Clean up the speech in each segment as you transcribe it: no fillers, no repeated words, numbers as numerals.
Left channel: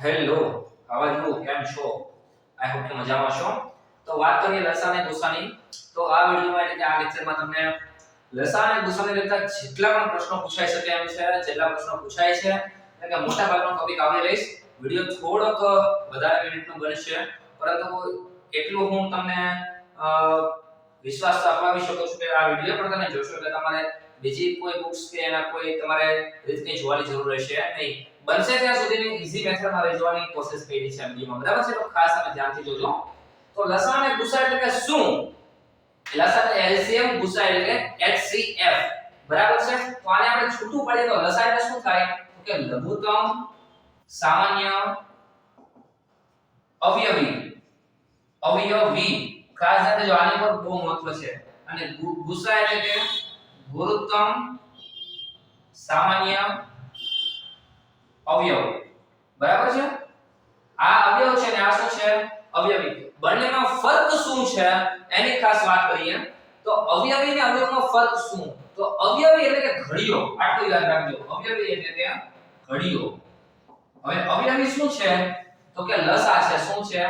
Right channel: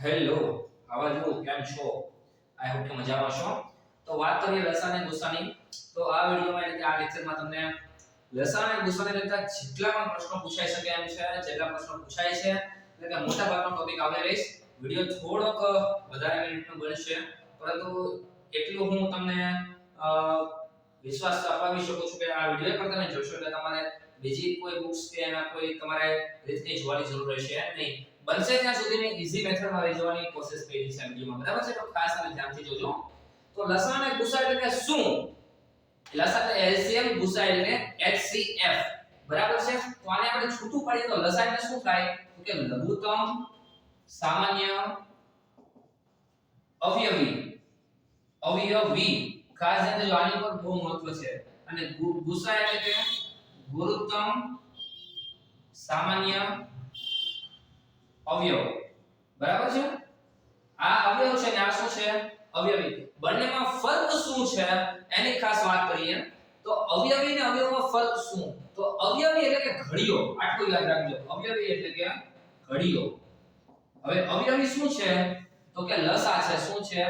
Hello, આવાજ કેમ છો? આઈ હોપ કે મજામાં છો. તો વાત કરીએ લસા અને ગુસાની. તો આ વિડિયોમાં એટલે કે આ લેક્ચરમાં તમને લસા અને ગુસાને લગતા જેટલા પણ પ્રશ્નો પૂછાઈ શકે એમ છે, જેટલા પ્રશ્નો પૂછાય છે, એટલે કે મોટા ભાગનો ટોપિક આવરી લઈશ. વિડિયો થોડોક વધારે મિનિટનો બનશે, પરંતુ એટલું હું તમને અ, વિશ્વાસ અપાવી શકું છું કે આ વિડિયો પણ તમે જોશો એટલે તમારે બીજી કોઈ બુક્સ કે એના કોઈ તમારે રીતની જોવાની જરૂર રહેશે નહીં. બનશે ત્યાં સુધી મેં ઈઝી મેથડમાં લઈ જવાની કોશિશ કરી છે વિડિયોમાં, બરાબર છે? તો ખાસ તમે ધ્યાનથી જોજો. તો લસા અને ગુસા એટલે કે શું? લસા એટલે એલસીએમ, ગુસા એટલે કે HCF, બરાબર છે? તો આને આપણે છૂટું પાડીએ તો લસા એટલે શું થાય? તો કે લઘુત્તમ સામાન્ય અવયવી. અવયવી ખાસ ધ્યાન દેજો, આની પર બહુ મહત્વ છે. અને ગુસા એટલે કે ગુરુત્તમ સામાન્ય અવયવ, બરાબર છે? આ અવયવ છે ને આ શું છે? અવયવી. બંનેમાં ફરક શું છે એની ખાસ વાત કરીએ. તો અવયવી અને અવયવમાં ફરક શું? તો અવયવી એટલે કે ઘડિયો, આટલું યાદ રાખજો. અવયવી એટલે કે ઘડિયો. હવે અવયવી શું છે? તો કે લસા છે. શું છે?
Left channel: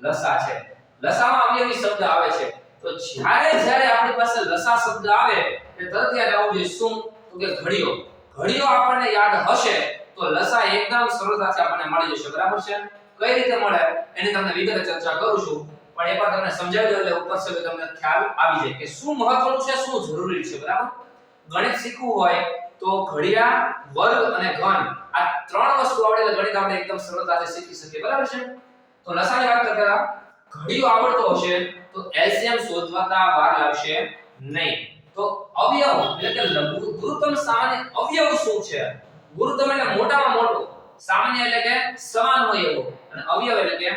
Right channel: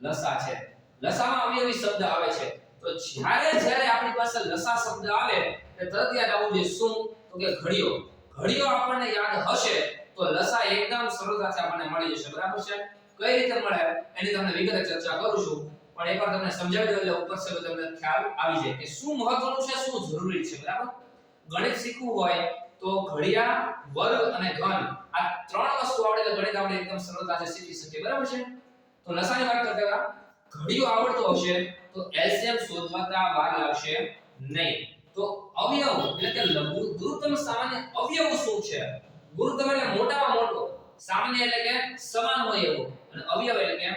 લસા છે. લસામાં અવયવી શબ્દ આવે છે. તો જ્યારે જ્યારે આપણી પાસે લસા શબ્દ આવે તે તરત યાદ આવવું જોઈએ શું? તો કે ઘડિયો. ઘડિયો આપણને યાદ હશે તો લસા એકદમ સરળતાથી આપણને મળી જશે, બરાબર છે? કઈ રીતે મળે એની તમને વિગતે ચર્ચા કરું છું, પણ એકવાર તમને સમજાવી દઉં એટલે ઉપર સુધી તમને ખ્યાલ આવી જાય કે શું મહત્વનું છે, શું જરૂરી છે, બરાબર? ગણિત શીખવું હોય તો ઘડિયા, વર્ગ અને ઘન આ ત્રણ વસ્તુ આવડે એટલે ગણિત આપણે એકદમ સરળતાથી શીખી શકીએ, બરાબર છે? તો લસાની વાત કરતા ઘડિયો આવડતો હશે તો એલસીએમ શોધવાતા વાર લાગશે નહીં. તો અવયવ એટલે કે ગુરુત્તમ સામાન્ય અવયવ શું છે? ગુરુત્તમ એટલે મોટામાં મોટો, સામાન્ય એટલે કે સમાન હોય એવો, અને અવયવ એટલે કે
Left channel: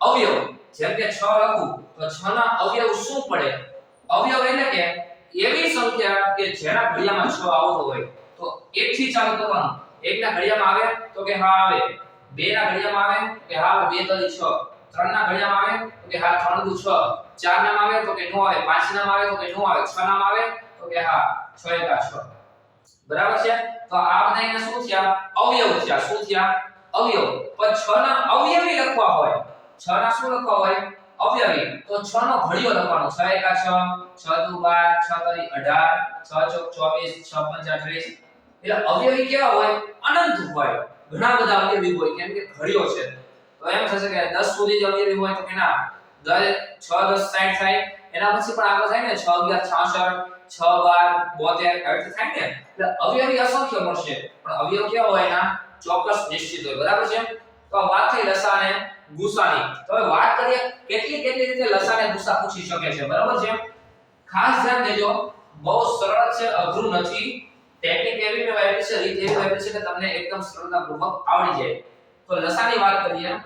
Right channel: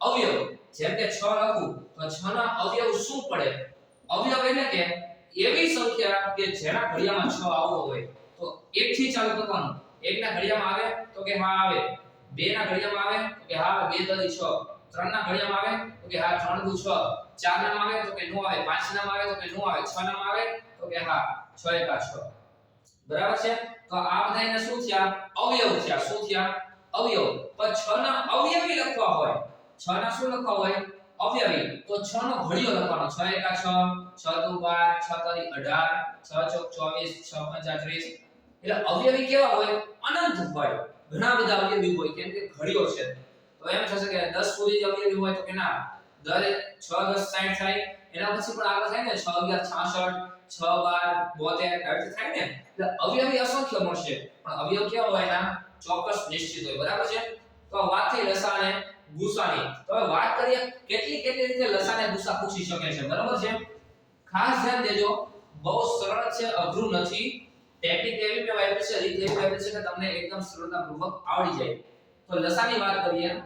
અવયવ. જેમ કે 6 લખું તો 6 ના અવયવ શું પડે? અવયવ એટલે કે એવી સંખ્યા કે જેના ઘડિયામાં 6 આવતો હોય. તો 1 થી ચાલુ કરવાનું. 1 ના ઘડિયામાં આવે તો કે હા આવે. 2 ના ઘડિયામાં આવે તો કે હા આવે, 2 તરી 6. 3 ના ઘડિયામાં આવે તો કે હા 3 દુ 6. 4 નામ આવે તો કે નો આવે. 5 નામ આવે તો કે નો આવે. 6 નામ આવે તો કે હા 6 એકા 6. બરાબર છે? તો આ બધાયના શું થયા? અવયવ થયા. શું થયા? અવયવ. પણ 6 ના અવયવી લખવા હોય, 6 ના શું લખવા હોય? અવયવી. તો 6 નો ઘડિયો લખવાનો. 6 એકા 6, 6 દુ 12, 6 તરી 18, 6 ચોક 24, 6 પંચા 30. એટલે અવયવી કેવા હોય? અનંત હોય. ઘણા બધા અવયવી હોય કેમ કે ઘડિયો છે. તો એમ થશે કે 10 સુધી જ અવયવી હોય તો કે ના, 6 10 60 થાય. એના પછી પણ આગળ થાય ને 6 11 66, 6 12 72 આવી રીતે થાય ને. એટલે અવયવી અસંખ્ય મળશે, પણ અવયવ કેવા હોય? એના ચોક્કસ નિશ્ચિત હોય, બરાબર છે? તો આ વાત થઈ લસા અને ગુસાની. તો હવે વાત કરીએ કેટલી કેટલી રીતે લસા અને ગુસા પૂછી શકે છે, બરાબર છે? ખાસ ધ્યાન દેજો, બહુ સરળ છે, અઘરું નથી. ટેકનિક એવી મેં વાપરી છે, રીત એવી વાપરી છે કે તમને એકદમ સરળતાપૂર્વક આવડી જાય. તો લસાની વાત કરીએ.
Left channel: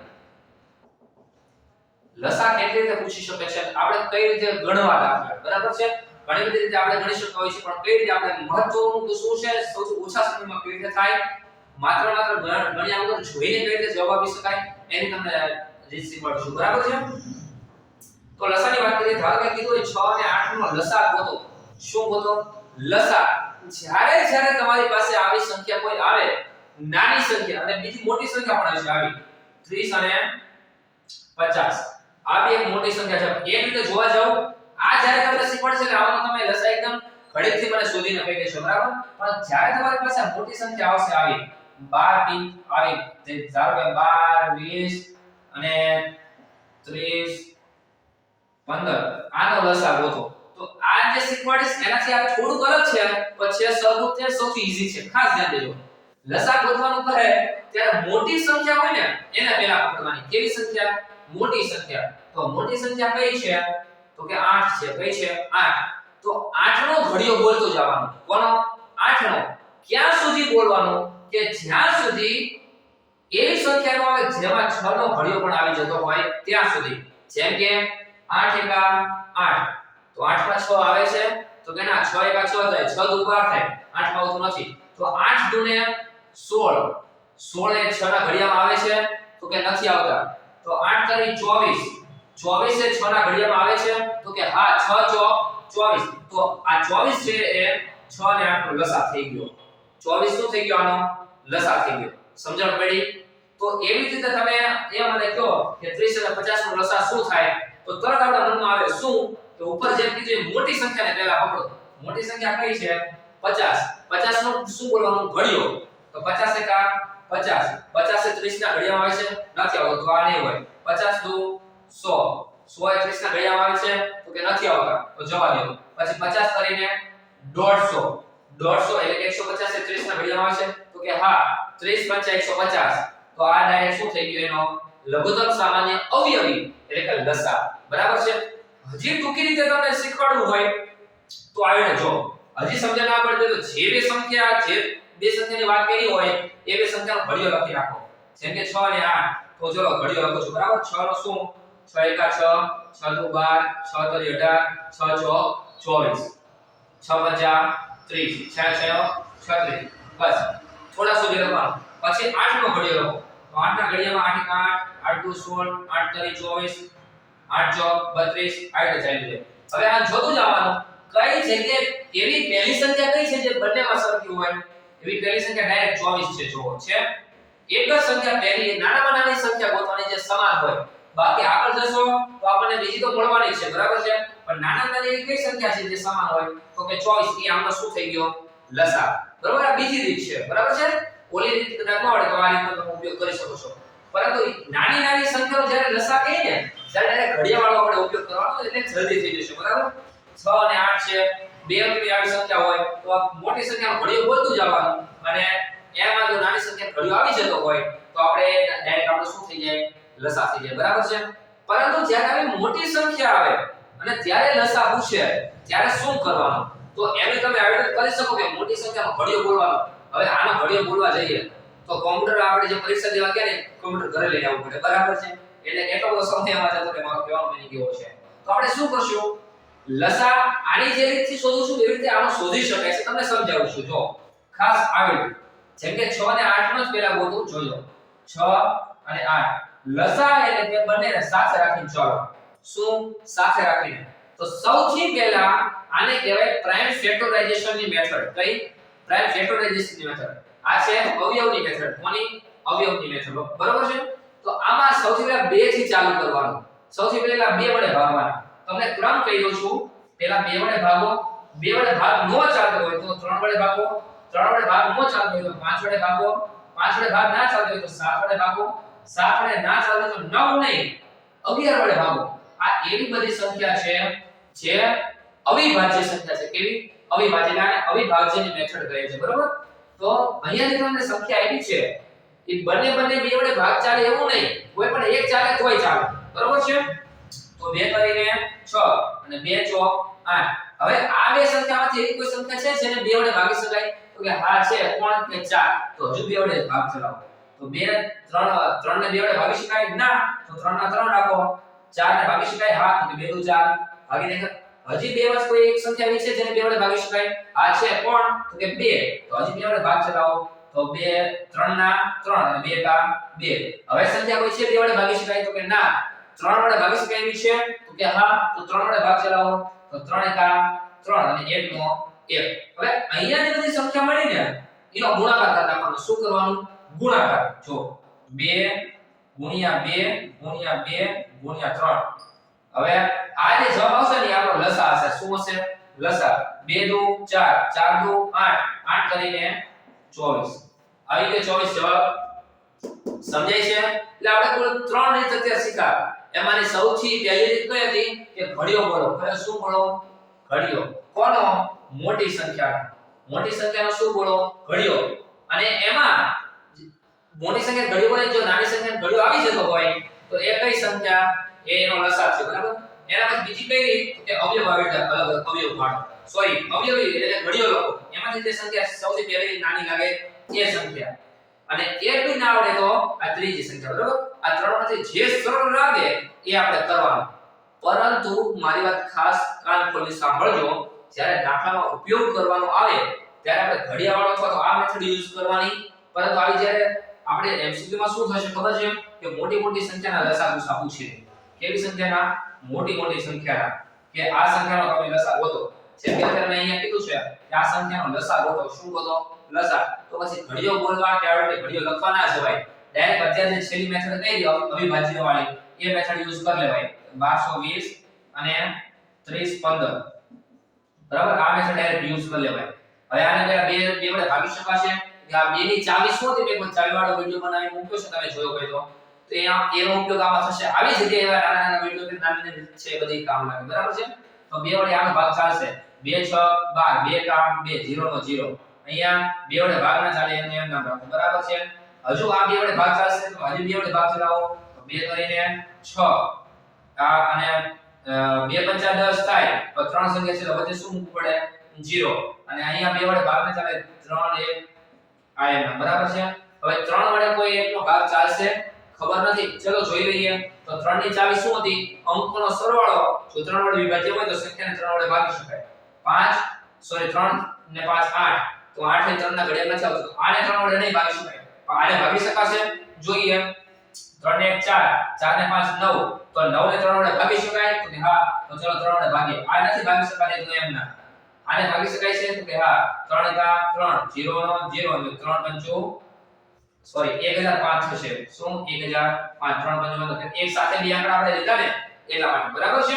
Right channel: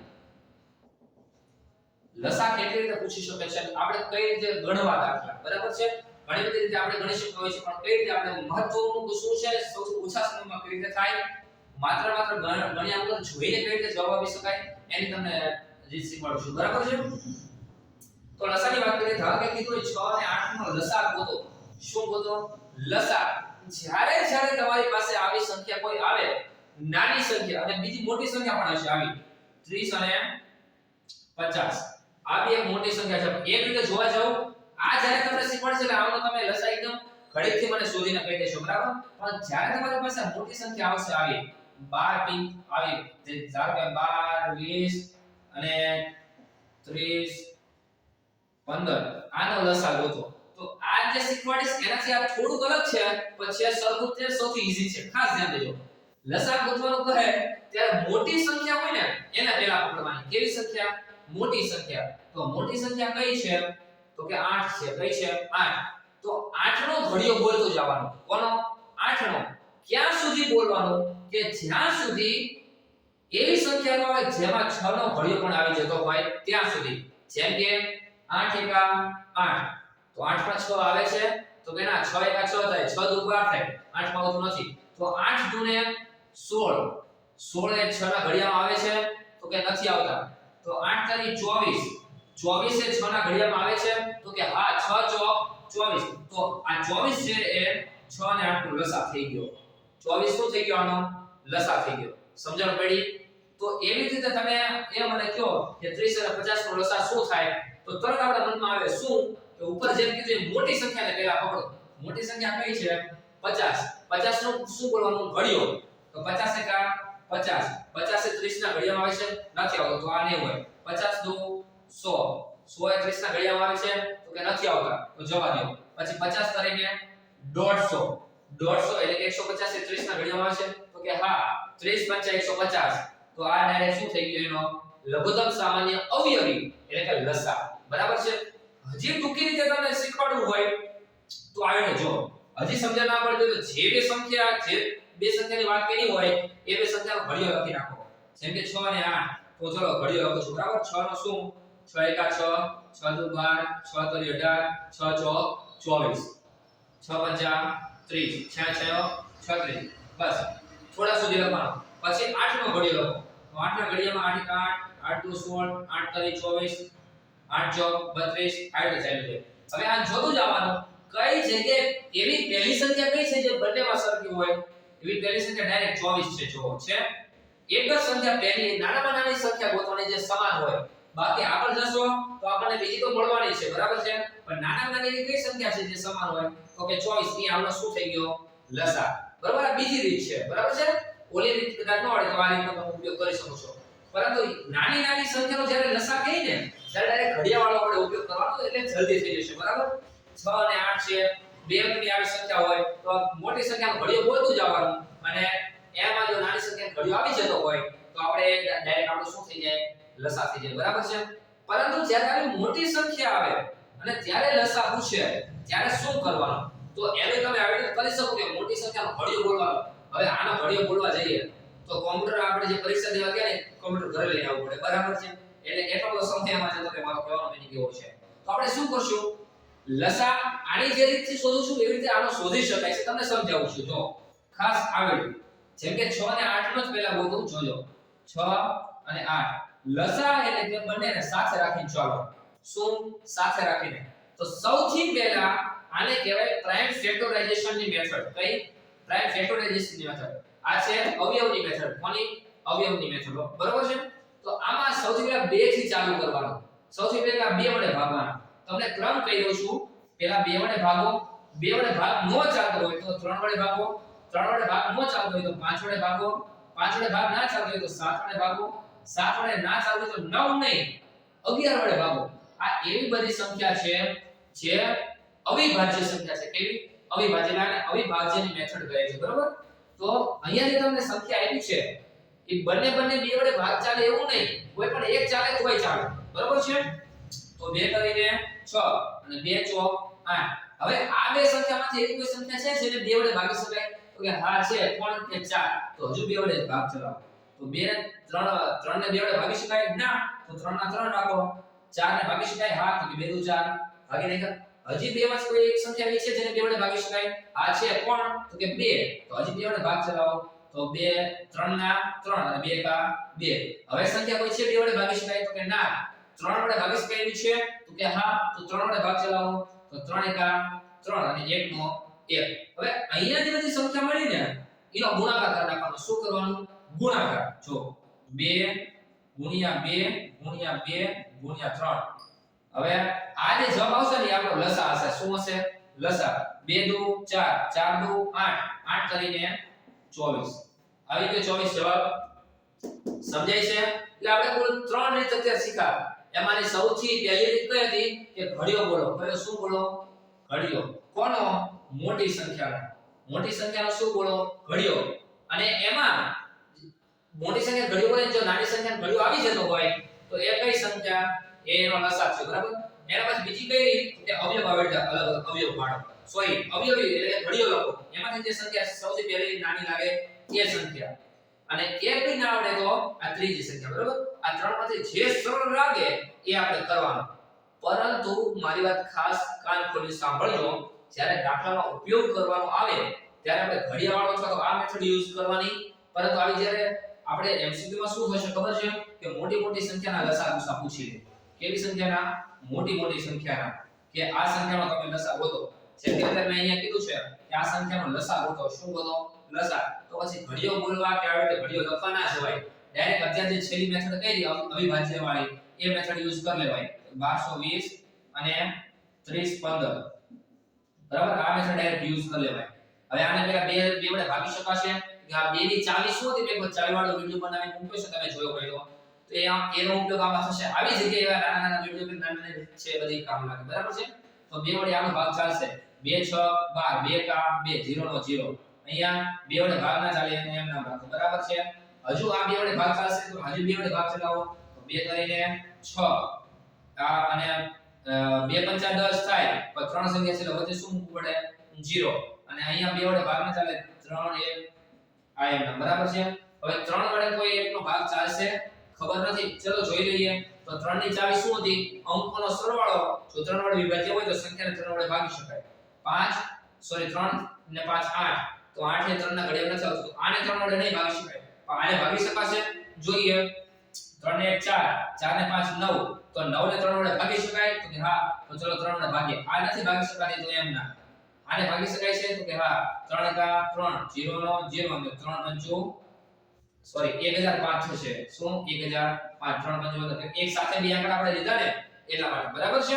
લસા કેટલી રીતે પૂછી શકે છે? આપણે કઈ રીતે ગણવા દાખલા, બરાબર છે? ઘણી બધી રીતે આપણે ગણી શકતા હોઈએ છીએ, પણ કઈ રીતે આપણે મહત્વનું તો શું છે? સૌથી ઓછા સમયમાં કઈ રીતે થાય? માત્ર ગણ્યા વગર જોઈને કઈ રીતે જવાબ આપી શકાય એની તમને રીત શીખવાડીશું, બરાબર છે? તો લસાની વાત કરીએ. ધારો કે કીધું હોય 6 અને 8 નો લસા ગોતો. શું ગોતો? લસા. જ્યારે જ્યારે તમારી પાસે આવી સંખ્યા કોઈ આવે, નાની સંખ્યા અને બીજી મોટી સંખ્યા પણ હશે આવી 30 અને 50, આ બે એક મોટી સંખ્યા છે. એક રીતે જોવા જાવ, આ જ્યારે તમને શીખવાડશે કે આનો તમે લસા એકદમ ઘડીકથી મને શોધીને કહી દેશો, બરાબર? પણ જ્યારે તમારી પાસે મોટી સંખ્યા આવશે આવી 12 ટી આવી, જે ધારો કે 12 20 અને 30 15, આનો લસા ગોતો. તો આ જે શીખવાડીશ એનાથી આ થોડું અલગ છે, પણ છે સરખું તે સૌથી ઈઝી છે. ખાસ ધ્યાન દેજો, લસા ગોતવાનું કહે ત્યારે મોટી સંખ્યા હોય ને એને પહેલા પકડવાની. કેવી સંખ્યા? મોટી સંખ્યા. તો મોટી સંખ્યા કઈ છે? તો કે 8 છે. કઈ છે? 8. તો 8 નો ઘડિયો બોલતો જવાનો. કોનો? 8 નો. ક્યાં સુધી બોલવાનો? કે જ્યાં સુધી એવી સંખ્યા નો આવે જેમાં 6 નો ઘડિયો પણ આવી જતો હોય ત્યાં સુધી. જેમ કે 8 એકા 8. તો 8 માં 6 આવે છે તો કે ના 6 એકા 6 થાય, 6 દુ 12 થાય. 8 માં આવતું નથી. તો 8 દુ ને 16. 16 એ 6 ના ઘડિયામાં આવે છે તો કે નથી આવતા. તો 8 તરી 24. 24 એ 6 ના ઘડિયામાં આવે છે તો કે હા 6 ચોક 24. તો આ 24 છે એ 6 અને 8 નો લસા થઈ ગયો. 24 શું થઈ ગયો? આનો લસા થઈ ગયો. સમજણ પડી? તો એવી જ રીતે તમે એ મને કહો કે 30 અને 50 નો લસા શું થાય તો તરત આપણા મનમાં આવે શું કે ઉપર જેમ કીધું એ મોટી સંખ્યાને પહેલા પકડો મોટી સંખ્યા કઈ છે 50 50 નું શું બોલવાનું ઘડિયો તો 50 એકા 50 50 એ 30 ના ઘડિયામાં આવે છે નથી આવતો તો આ નહીં હોય 50 દુ 100 100 એ 30 ના ઘડિયામાં આવે છે તો કે નથી આવતા તો જવા દો પછી 50 કરીને 150 150 એટલે 150 એ 30 ના ઘડિયામાં આવે છે તો કે હા 30 5 150 તો આ ડાયરેક્ટ શું થઈ ગયું એનો લઘુત્તમ સામાન્ય અવયવી એટલે કે લસા બરાબર છે હજી ટૂંકી રીતે તમને શીખવાડવું હોય તો આવીને જો હજી સમજ ના પડે તો જે બે સંખ્યાની વાત કરી હોય એ બે સંખ્યાનો ઘડિયો લખી રાખો જેમ કે 6 અને 8 તો ચલો ઘડિયો લખો છો બરાબર 6 નો શું 6 એકા 6 6 દુ 12 6 તરી 18 6 ચોક 24 6 પંચા 30 6 36 બસ થોડા સુધી લખવાનું પછી 8 નો ઘડિયો લખો તો 8 ના ઘડિયામાં 8 8 8 દુ 16 8 તરી 24 8 ચોક 32 આ રીતે ચાલ્યું છે હવે આ જોતું જવાનું કઈ જગ્યાએ એવી પહેલી સંખ્યા કઈ છે જે બંનેમાં સરખી હોય એવી પહેલી સંખ્યા ડાયરેક્ટ 24 છે જો છે એક જ સંખ્યા પહેલી નાનામાં નાની સંખ્યા ગોતવાની જે સમાન હોય બાકી આગળ જશો તો આપણને બીજી તો મળવાની છે બરાબર છે પણ નાનામાં નાની એવી કઈ સંખ્યા છે જે સમાન હોય તો કે 24 એ આમનો શું થઈ ગયો લસા બરાબર આ બીજી રીત છે બરાબર છે ઓલી રીત કદાચ ન આવડે તો આ રીતનો તમે ઉપયોગ કરી શકો છો પરંતુ નાની નાની સંખ્યાનો જ્યારે લસા કહીએ ને ત્યારે ડાયરેક્ટ ઘડિયાવાળો આપણે ઉપયોગ કરવાનો એટલે જલ્દી થઈ જશે બરાબર 6 અને 8 છે બે અંકની આવી સંખ્યા હોય તો મોટી સંખ્યાનો ઘડિયો બોલતું જવાનું અને એમાં જો નાની સંખ્યાનો ઘડિયો આવી જતો હોય તો આપણે ડાયરેક્ટ આપણે શું થઈ જાય લસા થઈ જાય બરાબર છે પરંતુ જ્યારે આવી મોટી સંખ્યા આવે અને ત્યારે લસા પૂછે ત્યારે શું કરવાનું તો એમે તમે આવી રીતે કરી શકો કે મોટી સંખ્યાનો ઘડિયો બોલવાનો હવે આનો ઘડિયો બોલવા જઈએ તો કોમ્પ્યુટર આપણે જે પરીક્ષા દેવા ગયા ને કોમ્પ્યુટર ઘરે લઈ આવવું પડે બરાબર છે એટલે એટલો બધો સમય આમાં જતો કે મારો કહેવાનો મીનિંગ કેવો છે તો આપણે શું કરશું લસા આની જે રીતથી શોધું છું એવી રીતે આનો શોધી શકાય છે તમને સમજાવું છું જો ખાસ આવી જેમ કે 6 અને 8 નો જ પહેલા ગોતું જોજો 6 અને 8 લસા એટલે કે બંનેને સાથે રાખીને ચાલો શું સાથે રાખીને તો સૌથી પહેલા આને કહેવાય પ્રાઇમ ફેક્ટરાઇઝેશનની મેથડ કઈ પ્રાઇમ ફેક્ટરાઇઝેશનની મેથડ આ છે અવયવની મેથડ કોની અવયવની મેથડ બરાબર છે તો આમાં સૌથી પહેલા 2 થી ચાલુ કરવાનું સૌથી પહેલા 2 વડે ભાગવાના તમને ક્રમ કહી દઉં છું પહેલા 2 વડે ભાગો 2 વડે ભાગ ન ચાલતો હોય તો 3 વડે ભાગો 3 વડે ભાગ ન ચાલતો હોય તો 5 વડે ભાગો 5 વડે ભાગ ના ચાલતો હોય તો 7 વડે ભાગો 7 વડે ના ચાલતો હોય તો 9 નહીં 11 વડે ભાગો આ એવી બધી સંખ્યા છે જે અવિભાજ્ય સંખ્યા છે કેવી અવિભાજ્ય અને અવિભાજ્યની મેથડ કહે છે બરોબર તો અહીંયા જે તમને સંખ્યા આવી છે એ બંને 2 વડે ભાગ ચાલે એવું નહીં કોઈ પણ એક ચાલે તોય ચાલે બરોબર છે તો 2 કરીને 6 અને 2 ચોક 8 હવે આ બે સંખ્યામાંથી એવી કોઈ સંખ્યા છે જેને 2 વડે ભાગી શકાય તો કે હા છે કોણ કે 4 તો હજુ 2 વડે ભાગ ચલાવો તો 2 3 ને 2 વડે ભાગી શકાય ના તો 3 ના 3 રાખો 4 ને ભાગી શકાય હા તો 2 દુ 4 ભાગી નાખો હજી બે વડે કોઈ એક સંખ્યા આવી છે જેને 2 વડે ભાગી શકાય આ છે કોણ તો કે 2 તો હજી 2 વડે ભાગ ચલાવો તો 2 3 ના 3 અને 2 કા 2 હવે સંખ્યા કોઈ છે 2 વડે ભાગી શકાય તો કે ના 3 વડે ભાગી શકાય એવી છે તો કે હા તો 3 વડે ભાગ ચલાવો તો 3 એકા 3 અને 1 નો 1 હવે અહીંયા જે બધી સંખ્યા મળી ને એનો ગુણાકાર કરી નાખવાનો શું કરવાનું ગુણાકાર જો 2 ગુણ્યા 2 ગુણ્યા 2 ગુણ્યા 3 હવે આ જે જવાબ આવશે ને આપણો લસા હશે શું હશે લસા 2 દુ 4 4 દુ 8 8 કરીને 24 આવી રીતે 24 જવાબ સમજાય છે એટલે આપણે કુલ 3 રીત અત્યારે શીખા એમાંની સૌથી પહેલી રીત કઈ હતી કે ઘડિયો બોલો કયો શું બોલો ઘડિયો કોનો મોટી સંખ્યાનો શું બોલો ઘડિયો અને એમાં મોટી સંખ્યા ઘડિયો બોલે જો નાની સંખ્યા ઘડિયો આવી જતો હોય તો એ કઈ સંખ્યા એનો લસા છે બરાબર એના પછી બીજી કઈ રીત કે અવયવ આવે અલગ અવયવ કાઢો સોરી અવયવી એટલે ઘડિયો લખો એમાંથી જે સંખ્યા સૌથી પહેલી નાની લાગે એ સંખ્યા અને એ બી ના આવડે તો આ ત્રીજી સંખ્યા બરાબર આ ત્રણમાંથી જે સરળ લાગે એ આપણે કરવાનું પરંતુ મારી વાત ખાસ કાન ખોલી સાંભળજો જ્યારે દાખલામાં ઉપયોગ કરવાનો આવે ત્યારે આપણે ઘડિયાવાળો અથવા તો આ મેથડ યુઝ કરવાની પરંતુ આવી જ્યારે આપણે MCQ માં શું થશે ખબર છે કે મોટી સંખ્યાના લસા ગુસા પૂછે કેવી સંખ્યાના મોટી સંખ્યાના કે આ સંખ્યાનો તમે લસા ગોતો જેમ કે અત્યારે મેં અહીંયા કીધું છે કે આ સંખ્યાનો લસા ગોતો શું ગોતો લસા તો પછી ઘડિયો બોલવા કે આવી રીતે ઘડિયો લખવા ના જવાય ડાયરેક્ટ અત્યારે જે છેલ્લી મેથડ કરી અવિભાજ્ય વાળી એ મેથડ યુઝ કરી લેવાય 1220 અને 3015 બરાબર આ મેથડ ડાયરેક્ટ યુઝ કરી લેવાય હવે આને પેલા બે વડે ભાગી શકાશે કે આ બે ની ચાવી શું હતી મેં ચાવી વાળો વિડિયો બનાવી મૂક્યો છે તમે જોયો હોય તો એનો ઉપયોગ આમાં થશે આવી જગ્યાએ એવા નાના નાના વિડિયો કે નાની છે બધી કામ લાગે બરાબર છે તો બે વડે આનો ભાગ ચાલશે 2 6 12 2 કામ 2 0 નો 0 અહીંયા બે વડે ભાગ ના ચાલે એનું એમ નામ રાખો બરાબર છે હજુ આ બે વડે ભાગ ચાલશે તો હજુ બે વડે ભાગ ચલાવો તો 2 કરીને 6 આ અને 2 5 10 થાય તો ત્રણ સંખ્યા છે તો વચ્ચે શું મૂકવું પડે 0 અને અહીંયા બે વડે ભાગ ના ચાલે 3 1 આ એમ બરાબર છે હવે 3 વડે કોઈ એકનો ભાગ ચાલશે ખબર નથી ચલો જોઈ લઈએ તો 3 ની ચાવી શું હતી અંકોનો સરવાળો જો 3 વડે વિભાજ્ય હોય તો સંખ્યાને 3 વડે ભાગી શકાય 5 સોરી 3 ને 5 8 તો 8 ને 3 ના ઘડિયા નથી આવતું તો આને 3 વડે નહીં ભાગી શકાય પણ આને ભાગી શકાશે જોઈએ 3 ને 1 4 4 ને 5 9 તો 9 ને 3 વડે ભાગી શકાય તો કે હા તો ચલો 3 વડે ભાગીએ આ નથી ભાગી શકાય તો એમ ના આને ભાગી શકાય છે તો કે હા 3 કા 3 0 નો 0 અને 3 5 સોરી 1005 થશે શું 1005 3 5 मतलब એક સાથે બે આંકડા આપણે લીધા ને એટલા માટે બરાબર છે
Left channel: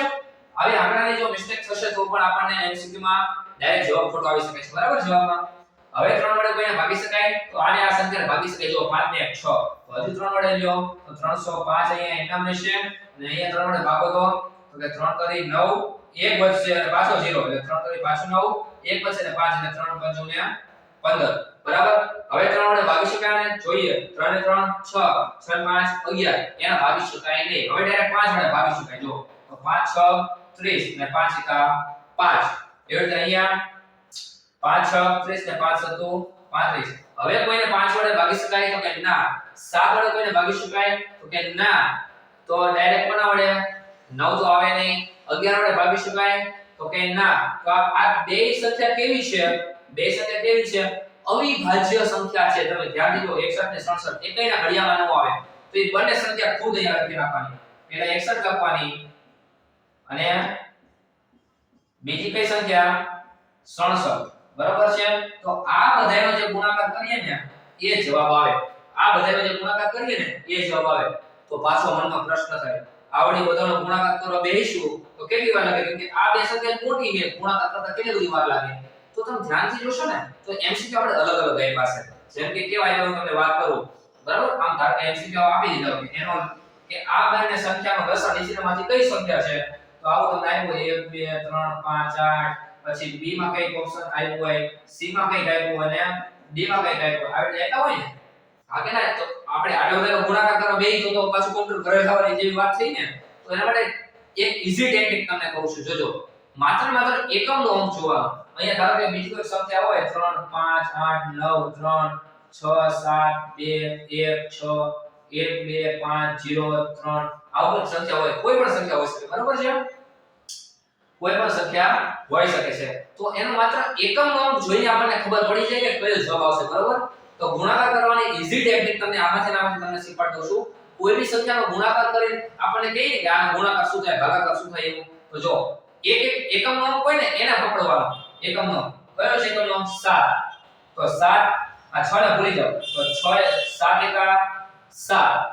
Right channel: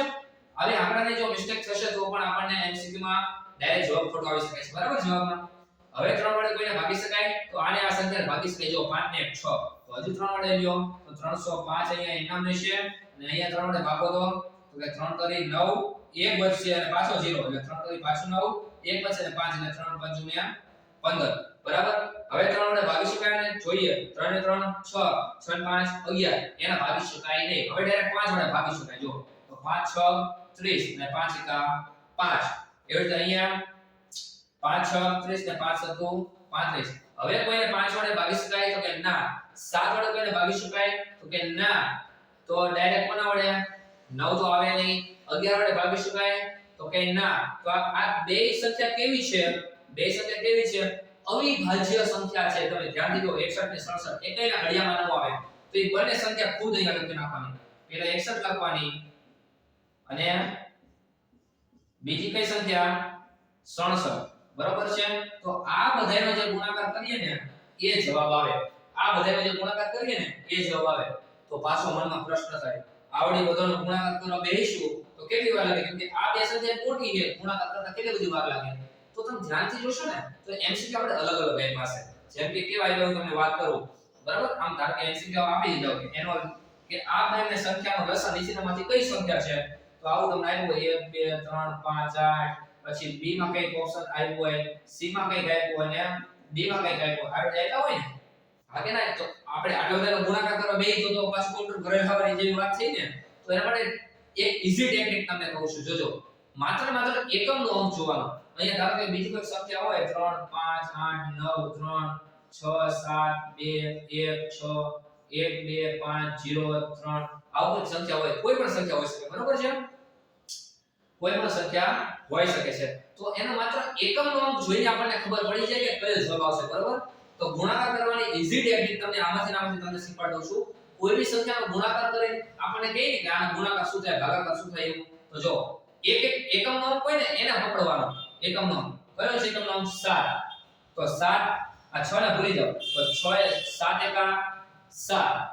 આવી આંકડાની જો મિસ્ટેક થશે તો પણ આપણને એમસીક્યુ માં ડાયરેક્ટ જવાબ ખોટો આવી શકે છે બરાબર જવાબમાં હવે 3 વડે કોઈને ભાગી શકાય તો આને આ સંખ્યાને ભાગી શકાય જો 5 ને 1 6 તો હજુ 3 વડે લ્યો તો 305 અહીંયા એનામ રહેશે અને અહીંયા 3 વડે ભાગો તો કે 3 કરી 9 1 વધશે અને પાછો 0 એટલે 3 કરી પાછો 9 1 વધશે અને 5 એટલે 3 5 ને 15 બરાબર હવે 3 વડે ભાગી શકાય ને જોઈએ 3 ને 3 6 6 5 11 એના ભાગી શકાય નહીં હવે ડાયરેક્ટ 5 વડે ભાગી શકાય જો તો 5 6 30 ને 5 એકા 5 એવી રીતે અહીંયા 5 6 30 ને 5 7 35 હવે કોઈને 5 વડે ભાગી શકાય તો કે ના 7 વડે કોઈને ભાગી શકાય તો કે ના તો ડાયરેક્ટ કોના વડે 9 તો આવે નહીં 11 વડે ભાગી શકાય તો કે ના તો આ બે સંખ્યા કેવી છે અવિભાજ્ય સંખ્યા છે તમે ધ્યાન દીધો 61 ને 67 એકઈના ઘડિયામાં ન આવે તો એ બંને સંખ્યા ખુદ અહીંયા લખી નાખવાની પહેલા 61 લખવાની અને બીજી કઈ સંખ્યા 67 બરાબર છે તો આ બધાનો જે ગુણાકાર કરીએ ને એ જવાબ આવે આ બધાનો જે ગુણાકાર કરીએ ને એ જવાબ આવે તો પાછો મનમાં પ્રશ્ન થાય આવડી બધાનો ગુણાકાર કરવા બેહીશું તો કેટલી વાર લાગે કેમ કે આ બે સંખ્યા મોટી છે ગુણાકાર કરતા કેટલી બધી વાર લાગે તો તમે ધ્યાનથી જોશો ને તો એમસીક્યુ આપણે અલગ અલગ ગઈ પાસે જેમ કે કેવા આવ્યો હું તમને વાત કરું બરાબર આમ ધારો કે એમસીક્યુ આપી દીધો કે એનો કે આ બંને સંખ્યાનો લસા નીચેનામાંથી કઈ સંખ્યા છે તો આવું તમને આવ્યું 1 2 3 5 8 પછી બી માં કઈ ઓપ્શન આવ્યો હોય સી માં કઈ આપ્યું અને ડી માં કઈ આપ્યું આવી રીતે હોય ને આગે ના તો આપણે આટલો બધો ગુણાકાર કરવા બેહી તો પાછું કોમ્પ્યુટર ઘરે લાવવાની જેવી વાત થઈ ને તો એના માટે એક ઈઝી ટેકનિક તમને કહું છું જોજો માત્ર એકમનો અંક જોવાનો અહીંયા ધારો કે બીજી કોઈ સંખ્યા હોય 3 5 8 9 3 6 7 2 1 6 1 2 5 0 3 આવું સંખ્યા હોય કોઈ પણ સંખ્યા હોઈ શકે બરાબર છે કોઈ પણ સંખ્યા હોઈ શકે છે તો એનો માત્ર એકમનો અંક જોઈને આપણને ખબર પડી જાય કે કયો જવાબ આવશે બરાબર તો ગુણાકાર કરવાની ઈઝી ટેકનિક તમને આમાંથી તમને શીખવાડ દઉં છું કોઈ બી સંખ્યાનો ગુણાકાર કરીને આપણને કહીએ કે આનો ગુણાકાર શું થાય ભાગાકાર શું થાય એવું તો જો એકમનો અંક હોય ને એને પકડવાનો એકમનો કયો છે એકમનો અંક 7 તો 7 આ 6 ને ભૂલી જાઓ તો 6 7 એકા 7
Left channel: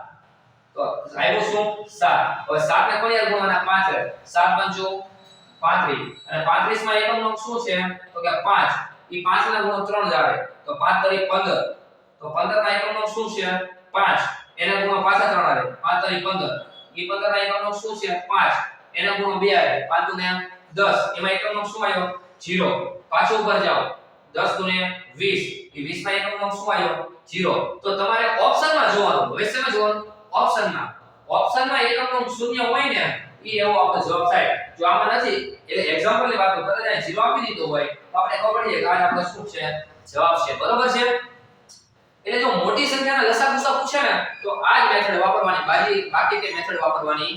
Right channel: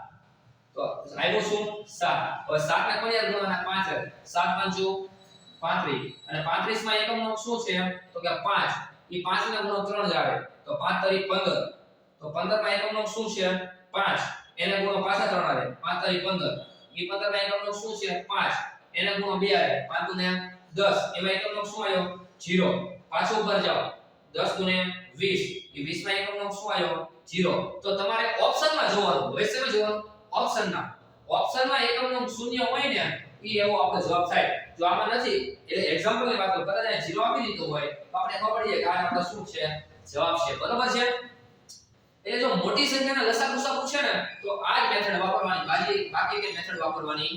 તો આવ્યું શું 7 હવે 7 ને કોની હારે ગુણવાના 5 7 5 35 અને 35 માં એકમનો અંક શું છે તો કે 5 ઈ 5 ના ગુણો 3 આવે તો 5 તરી 15 તો 15 ના એકમનો શું છે 5 એના ગુણો પાછા 3 આવે 5 તરી 15 ઈ 15 ના એકમનો શું છે 5 એના ગુણો 2 આવે 5 ને 10 એમાં એકમનો શું આવ્યો 0 પાછો ઉપર જાઓ 10 ગુણે 20 એ 20 ના એકમનો શું આવ્યો 0 તો તમારે ઓપ્શનમાં જોવાનું હવે શેમાં જોવાનું ઓપ્શનમાં એકમનો શૂન્ય હોય ને ઈ એવો આપણો જવાબ થાય જો આમાં નથી એટલે એક્ઝામ્પલની વાત કરું કદાચ 0 આપી દીધો હોય તો આપણે ખબર પડી જાય કે આ આપણો શું છે જવાબ છે બરોબર છે એટલે જો મોટી સંખ્યાના લસા ગુસા પૂછે ને તો આ જ મેથડ વાપરવાની બાકી કે મેથડ વાપરવાની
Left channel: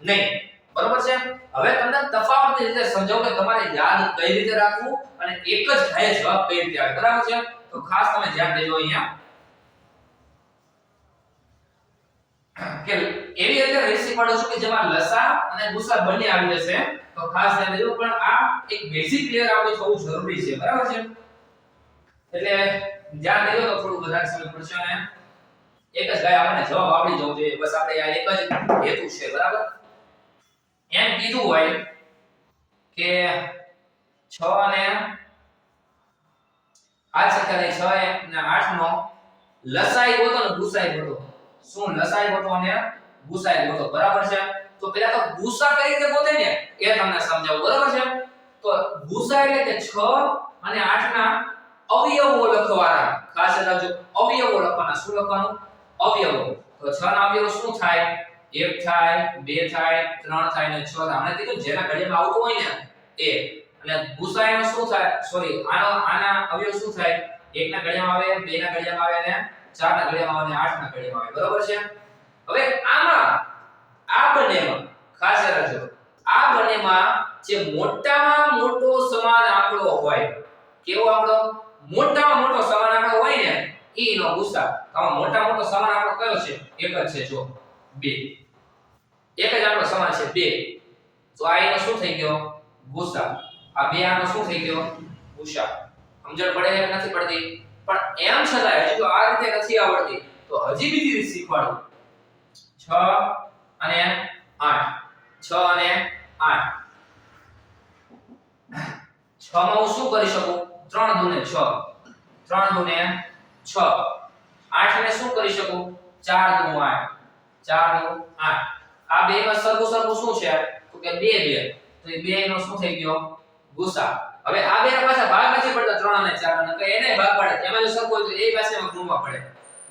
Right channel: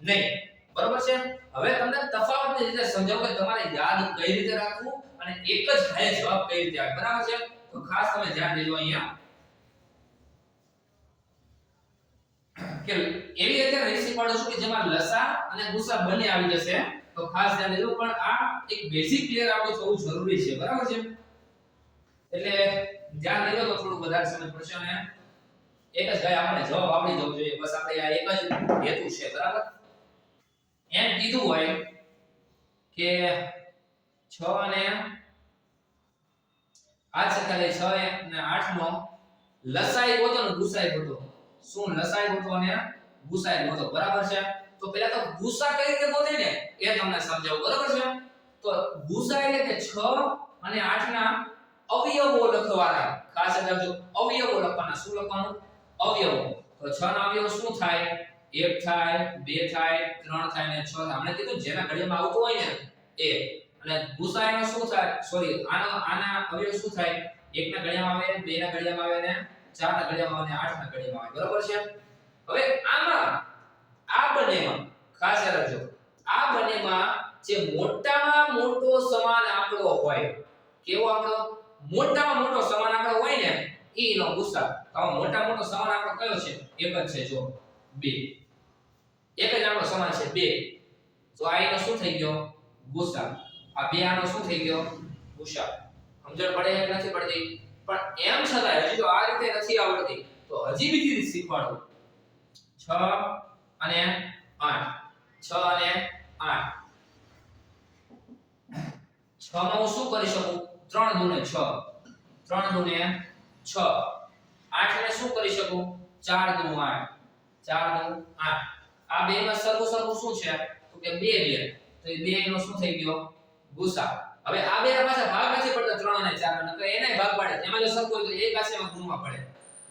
નહીં બરોબર છે હવે તમને તફાવતની રીતે સમજાવું કે તમારે યાદ કઈ રીતે રાખવું અને એક જ ઘાયે જવાબ કઈ રીતે આવે બરાબર છે તો ખાસ તમે ધ્યાન દેજો અહીંયા કે એવી અત્યારે રેસીપી પાડો છું કે જેમાં લસા અને ગુસા બંને આવી જશે તો ખાસ ધ્યાન દેજો પણ આ એક બેઝિક ક્લિયર આપણું થવું જરૂરી છે બરાબર છે એટલે ધ્યાન દેજો તો થોડું વધારે સમજ પડશે અને એક જ ગાય આપણને જવાબ આવડી જવો જોઈએ બસ આપણે આ એક જ હેતુ છે બરાબર એમ કીધું હોય કે 6 અને 8 સંખ્યા 6 અને 8 નો લસાઈ ગોતો ને ગુસાઈ ગોતો શું લસાઈ ગોતો અને ગુસાઈ ગોતો બરાબર છે તો પહેલા તો ગુસા કઈ રીતે ગોતે ને એ તમને સમજાવું બરાબર છે તો ગુસા એટલે કે 6 અને 8 ના અવયવો લખવાના ખાસ રાખજો અવયવો લખવાના શું લખવાનું અવયવો તો 6 ના અવયવો શું થાય 1 થાય 2 થાય 3 થાય ને 6 થાય આપણે કીધું જેના ઘડિયામાં આવતું હોય ને એ અને ગુસાઈનો શું થાય સોરી આના અવયવ શું થાય 1 ના ઘડિયામાં આવે 2 ના ઘડિયામાં આવે ને 4 ના ઘડિયામાં આવે ને 8 ના ઘડિયામાં આવે બરાબર છે હવે આમાં આ બંનેમાં ખાસ રાખજો આ બંનેમાં જે મોટામાં મોટો સમાન આંકડો હોય કેવો આંકડો મોટામાં મોટો સમાન આંકડો હોય ને ઈનો ગુસા તો મોટા મોટો સમાન આંકડો કયો છે એક જ છે જો 2 એક જ આંકડો સમાન છે 2 તો આ એનો શું થઈ ગયો ગુસા આ બે આનો શું થઈ ગયો ગુસા સમજણ પડે એમ નથી પડતી પણ એમ છતાં હજી તો આ રીતે નથી આવડતી તો હજી બીજી રીત શીખવાડું 6 અને 8 6 અને 8 6 માં હું શું કરી શકું 3 દુને 6 3 દુને 6 8 ને શું કરી શકું 4 દુ 8 4 દુ 8 આ બે માં સરખું શું છે તો કે 2 2 તો એ બે નો શું થઈ ગયો ગુસા હવે આ બે ના પાછા ભાગ નથી પડતા 3 અને 4 અને તો એને ભાગ પાડે એમાં જો સરખો હોય તો એ પાછામાં ગુણવા પડે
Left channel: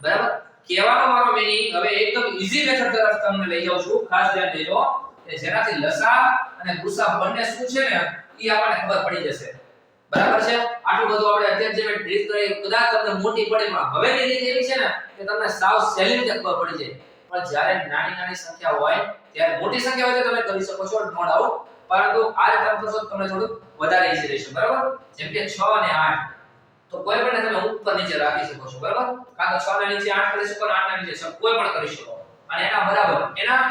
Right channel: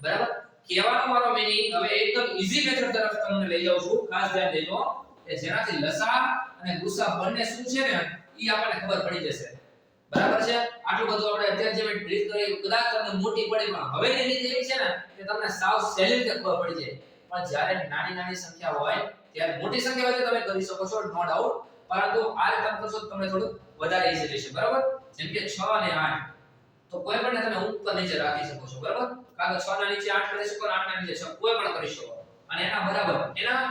બરાબર કહેવાનો મારો મીનિંગ હવે એકદમ ઈઝી મેથડ તરફ તમને લઈ જાઉં છું ખાસ ધ્યાન દેજો કે જેનાથી લસા અને ગુસા બંને શું છે ને ઈ આપણને ખબર પડી જશે બરાબર છે આટલું બધું આપણે અત્યારે જે ટ્રીક કરી કદાચ તમને મોટી પડે પણ હવેની રીત એવી છે ને કે તમને સાવ સહેલી રીતે ખબર પડી જાય પણ જ્યારે નાની નાની સંખ્યા હોય ત્યારે મોટી સંખ્યા હોય તો તમે કરી શકો છો નો ડાઉટ પરંતુ આ રીતે તમે કરશો તમને થોડું વધારે ઈઝી રહેશે બરાબર જેમ કે 6 અને 8 તો કોઈ પણ તમે ઉપર નીચે રાખી શકો છો બરાબર કાં તો 6 ના નીચે 8 કરી શકો અને 8 ના નીચે 6 કોઈ પણ કરી શકો અને એના બરાબર એના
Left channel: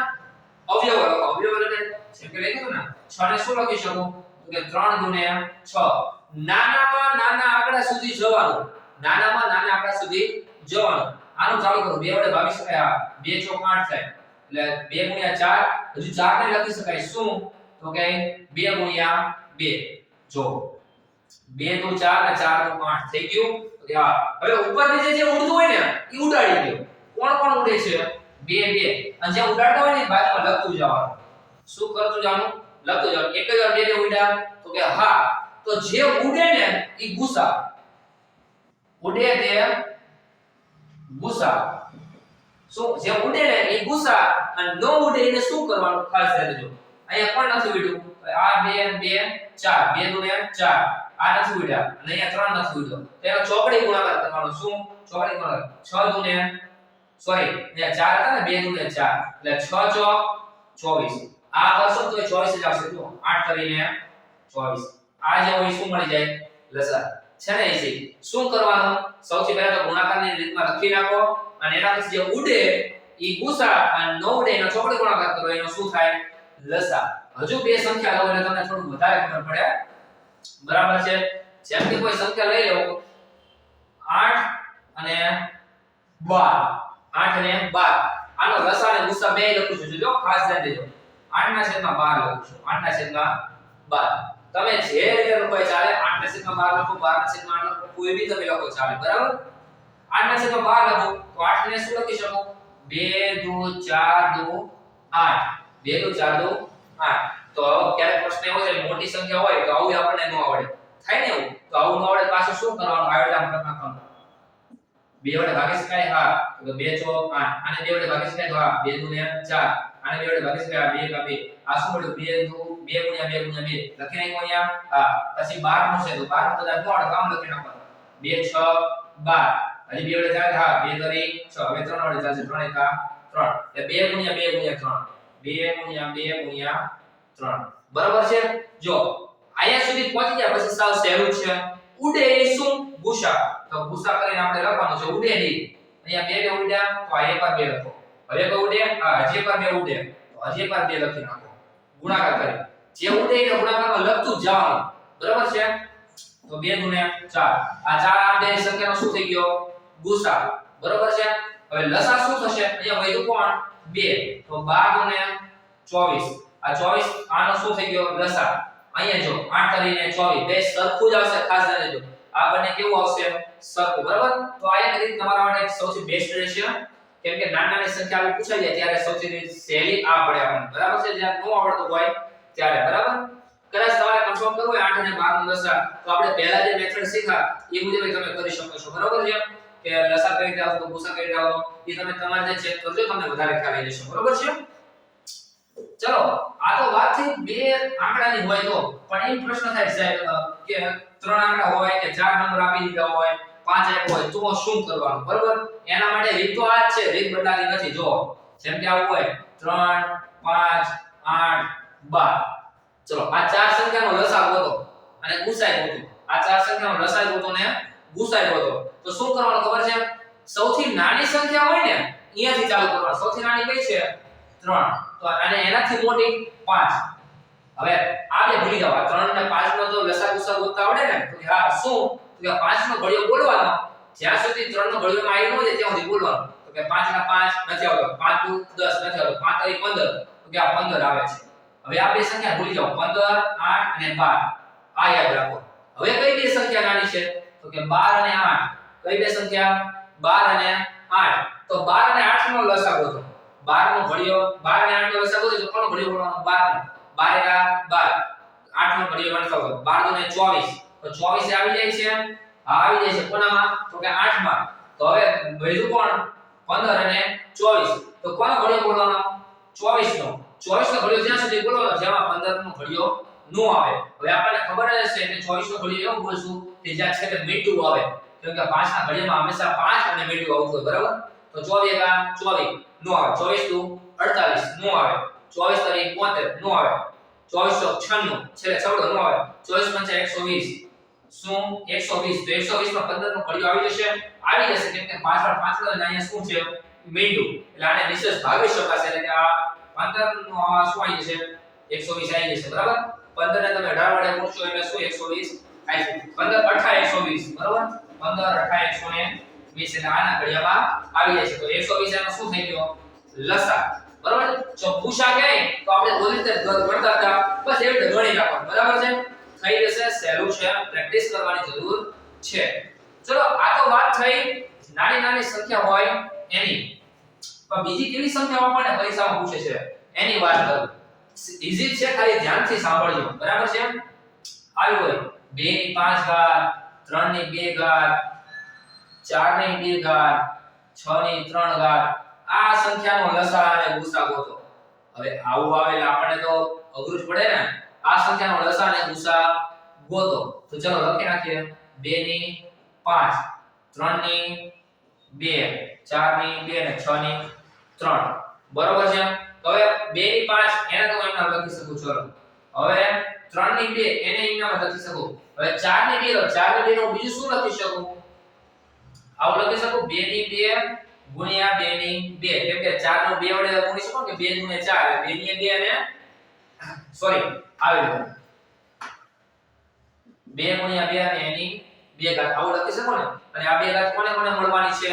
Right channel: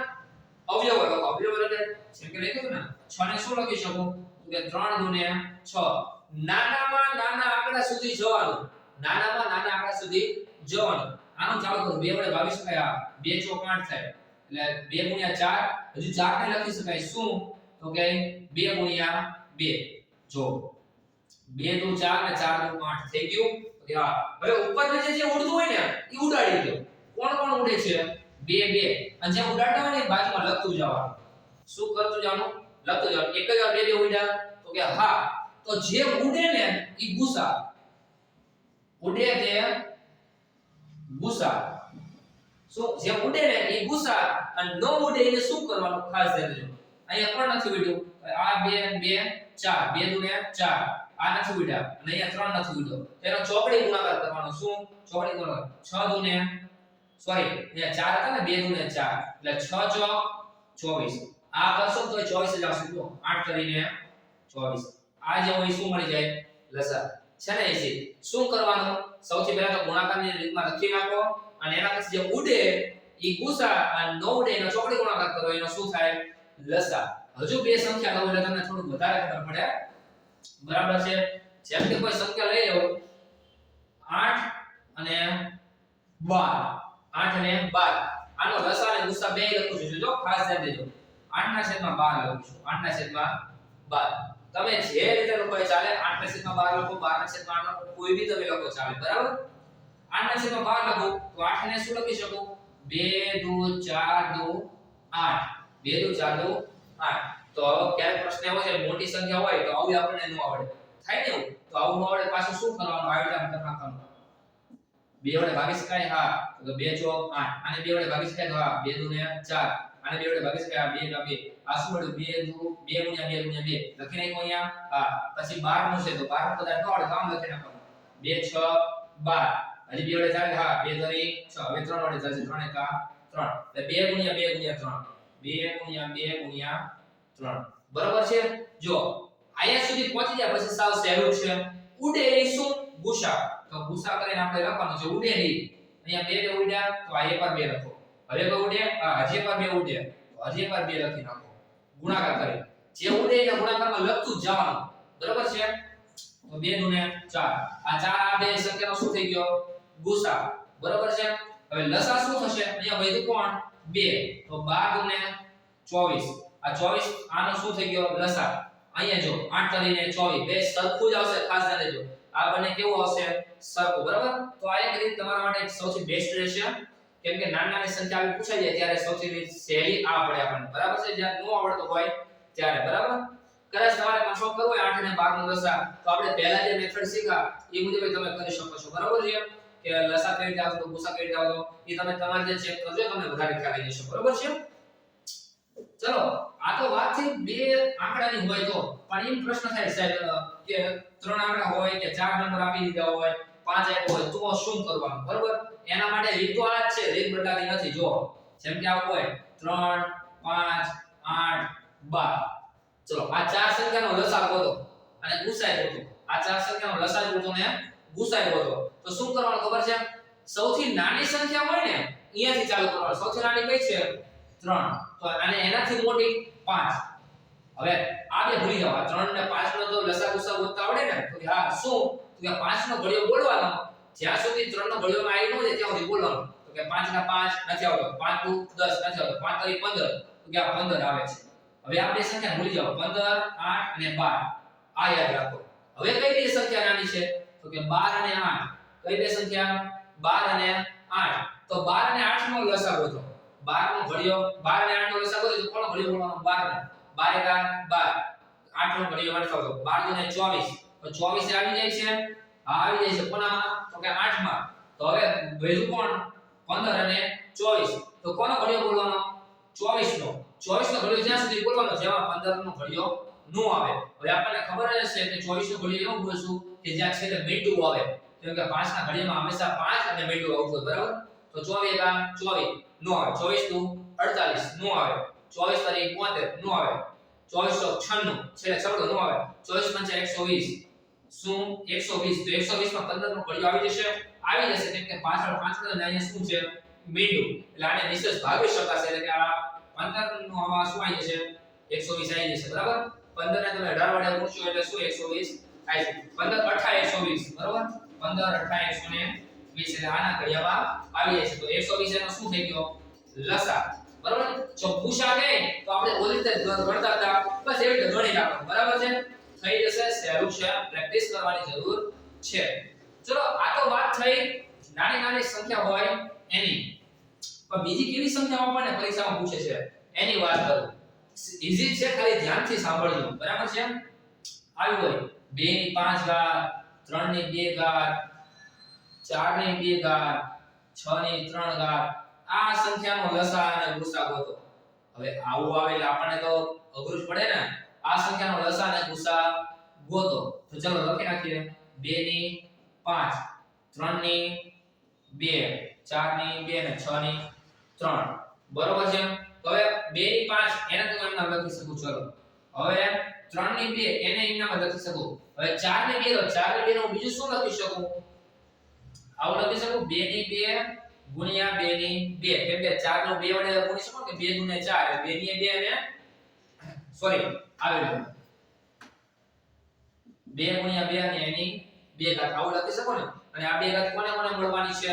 અવયવો લખો અવયવો એટલે જેમ કે લખ્યું ને 6 ને શું લખી શકો તો કે 3 ગુને 6 નાનામાં નાના આંકડા સુધી જવાનું નાનામાં નાના આંકડા સુધી જવાનું આનું ચાલુ કરો 2 વડે ભાગી શકાય 2 ચોક 8 થાય એટલે 2 ગુણ્યા 4 હજુ 4 ને લખી શકાય શું તો કે 2 ગુણ્યા 2 જો 2 દુ 4 ને 4 દુ 8 થઈ ગયું તો હા હવે ઉપર નીચે જે ઉડતું હોય ને એ ઉડાડી દો કોણ ઉડે છે 2 2 અને જે ઉડાડતા હોય ને બાજુમાં લખતું જવાનું શું કરતું જવાનું લખતું જવાનું 1000 2 ને ઉડ્યા તો કે હા તો જે ઉડે ને એ ગુસા ઉડે તે ગુસા શું જે ઉડે ને એ ગુસા અને ન ઉડે એને શું કરવાનું ખાસ ધ્યાન દેજો અહીંયા કોણ નથી ઉડ્યું આ 2 2 4 2 દુ 4 આ નથી ઉડ્યા અને અહીંયા 3 નથી ઉડ્યો તો એનો ચોકડી ગુણાકાર કરવાનો શું ચોકડી ગુણાકાર 6 દુ ને સોરી અહીંયા 4 હતા ને 2 દુ ને 4 એટલે 6 ચોક 24 આ કરશો તો 24 જ આવશે તો 8 કરીને 24 આ જે હોય શું મળી જાય લસા છે ને એસી શું કરવાનું સૌથી પહેલા તો ગુણાકારની રીતમાં લખી રાખો અને એના પછી જે ઉડે ઈ ગુસા અને ન ઉડે એનો ચોકડી ગુણાકાર કરો એનો શું થાય લસા હજુ બે સંખ્યા લો એટલે તમને થોડું વધારે ખબર પડે બરાબર છે જેમ કે કોઈ સંખ્યા લઈ લો 8 અને 12 8 અને 12 આનો લસા અને ગુસા બે લખું છું જો ખાસ ધ્યાન દેજો 8 ના છેદમાં 12 લખું છું 8 ના છેદમાં 12 તમે જે રીતે લખો એ ચાલે 8 ના છેદમાં 12 લખો 12 ના છેદમાં 8 લખો કોઈ બી તમે લખો ચાલે બરાબર 8 ના છેદમાં 12 લખો તો 8 ને શું લખી શકો 2 દુ 4 દુ 8 2 દુ 4 દુ 8 તો ક્યારેક પ્રશ્ન એવો છે મોટી સંખ્યા હોય તો આવું આપણને ન આવડે થાય ને એવું તો આવું ન આવડે પાછું શું કરવાનું આયોડામ કરી નાખવાનું 2 વડે ભાગી શકાય હા તો 2 ચોક 8 આને 2 વડે ભાગી શકાય તો હા 2 દુ ને 4 આને 2 વડે ભાગી શકાય 2 કા 2 આ શું મળ્યું 2 દુ 2 ગુણ્યા 2 ગુણ્યા 2 લખી નાખો અહીંયા હા પછી 12 નું છે તો 12 નું કદાચ ન આવડે કામ લખી નાખવાનું 2 6 12 હજી 2 વડે થાય હા 2 તરી 6 હવે 3 વડે થશે 3 એકા 3 એટલે 2 ગુણ્યા 2 ગુણ્યા 3 2 ગુણ્યા 2 ગુણ્યા 3 બરાબર છે જો આયા સુધી પહોંચી ગયા પછી સાવ સહેલું છે ઉડે એ શું ગુસા તો ગુસા કરીને આપણે લખવાનું છે ઉડે ની અહીંયા 2 ને ઉડ્યા તો આ એક પર 2 લખો હવે કોઈ ઉડે હા હજી એક પર 2 ઉડે તો હજી એક પર 2 લખી નાખો ગુણાકાર કરી જે ઉડે એને ગુણાકારમાં લખતું જ જવાનું બરાબર છે તો 2 ગુણ્યા 4 આ 4 આ બે સંખ્યાનો શું થઈ ગયો ગુસા બરાબર છે હવે લસા શું થશે અહીંયા વધ્યું કોણ 2 તો 12 ને 24 આ 24 આનો શું થઈ ગયો લસા અહીંયા જો 8 કરીને 24 બે સરખું જ આવશે ખાસ ધ્યાન દેજો આ બંને કેવું આવશે સરખું બરાબર તો આ એક રીત તમારા માટે સૌથી બેસ્ટ રહેશે કેમ કે નાની સંખ્યા આપણે પૂછાઈ જાય ત્યારે સૌથી સહેલી આ પડે આપણને બરાબર છે જ્યાં નો આવડતો હોય ત્યારે બરાબર કદાચ તમારે કન્ફર્મ કરવું હોય 8 અને 12 નો લસા તો આપણે પહેલા જે મેથડ શીખા એ મુજબ તમે કરી શકો છો બરાબર છે કે લસા કઈ રીતે આવતો ગુસા કઈ રીતે આવતો એ તમે તમારે જે ચેક કરજો તમને વધારે ખ્યાલ આવી જશે બરાબર છે ચલો આ તો વાત થઈ બે આંકડાની હોય તો પણ એમ પ્રશ્ન થાય સાહેબ કે ત્રણ આંકડા હોય કે ચાર નંબર આપી દીધા હોય પાંચ એક હોય તો શું કરવાનું બરાબર એના માટે રીત તો આ જ છે રીત બદલાતી નથી જો જેમ કે આવું હોય 3 5 8 12 ચલો આ ચાર સંખ્યાનો લસા ગોતો અને ગુસાઈ ગોતો આ ચાર સંખ્યાનો લસા ગોતો ને ગુસાઈ ગોતો તો શું કરવાનું ખબર છે સૌથી નાની સંખ્યા હોય ને અહીંયાથી ચાલુ કરવાનું સૌથી નાની કઈ છે 3 તો અને એનાથી મોટી 5 હવે આ બે ભૂલી જાવ 3 ને 5 નો તો લસા ગુસા ગોતતા આવડે ને તો હા શું તો કે 5 નો ઘડિયો બોલવાનો જ્યાં સુધી 3 નો ઘડિયો માં આવી ન જાય ત્યાં સુધી બોલવાનું તો કે 5 ના 5 નથી આવતો 5 2 10 નથી આવતો 5 3 15 તો કે આ 15 આવે છે હવે આ બે સંખ્યા ભૂલી જાવ 15 8 અને 12 આ યાદ રાખો હવે કઈ બે સંખ્યા નાની છે તો કે 12 અને 8 કઈ બે સંખ્યા 12 અને 8 તો 12 અને 8 નો લસા ગોતો 12 નો ઘડિયો 12 અને 8 નો લસા ગોતો તો કોનો ઘડિયો બોલવાનો 12 12 કા 12 8 નો ઘડિયો વાંચો 12 ને 24 તો 24 આવી જાય છે આ આવી જાય છે કોનામાં તો કે 8 માં તો હવે વધ્યું કોણ 15 અને 24 તો કોનો ઘડિયો બોલવાનો 24 નો 24 નો ઘડિયો જ્યાં સુધી બોલવાનો જેમાં 15 નો ઘડિયો નો આવે હવે આપણને ખબર જ છે કે 24 નો ઘડિયો એવું બોલશું કે જ્યાં છેલ્લે મીંડું આવે કેમ કે 5 ના ઘડિયામાં હંમેશા 5 અને મીંડું આવતું હોય બરાબર તો 24 કા 24 નો આવે 24 દુ 48 નો આવે 24 તરી 72 નો આવે 2496 છેલ્લે છગડો નો આવે 24 120 શું 120 તો 120 માં 15 નો ઘડિયો આવી જશે કેમ કે પાછળ પાછળ અહીંયા શું છે મીંડું એટલે આને વિશેષ ભાગી શકાશે એટલે કે આ 15 નો આ શું આવી જશે 120 આવી જશે બરાબર 15 ને તમે 18 વડે ગુણશો એટલે શું 120 આવી જશે 15 18 120 બરાબર 15 18 120 એટલે આના ઘડિયામાં આવી જાય છે તો 120 એનો શું થઈ ગયો લસા બરાબર જો ગુસા કહે તો આપણે બોલી રીતે ગણતા હતા બસ એ રીતે ગણી રાખવાનું બરાબર છે થઈ જશે સહેલું છે પ્રેક્ટિસ કરવાની જરૂર છે ચલો આ તો વાત થઈ નાની નાની સંખ્યા હોય એની પણ બીજી કેવી સંખ્યાઓ આપણને પરીક્ષામાં પૂછે છે એની વાત કરું ઈઝી છે ખાલી ધ્યાનથી સાંભળજો બરાબર છે આવ્યું હોય 2 ની 5 ઘાત 3 ની 2 ઘાત 4 ની 2 ઘાત 6 ની 3 ઘાત આ સંખ્યાનો લસા અને ગુસા ગોતો હવે આવું આવે એટલે આપણને તો અઘરું જ પડે ને આ સંખ્યાનો લસા અને ગુસા ગોતો તો ચલો લખી નાખીએ 2 ની 5 3 ની 2 4 ની 2 અને 6 ની 3 બરોબર છે તો હવે 2 ની 5 એને તો એના લખી શકું ચલો હવે 3 ની 2 એને એના લખી શકું હવે 4 ની 2 તો 4 ની 2 નું બીજું શું લખી શકું આવું લખી શકું 2 ની 2 ગુણ્યા 2 ની 2 કેમ કે 4 નો 2 વડે ગુણી શકો કે 2 ગુણ્યા 4 2 ની 2 અને સોરી આવે 2 ગુણ્યા 2 અને એની 2 ઘાત આવું લખી શકો ને અને આ 2 ઘાત કોને કોને મળવાની છે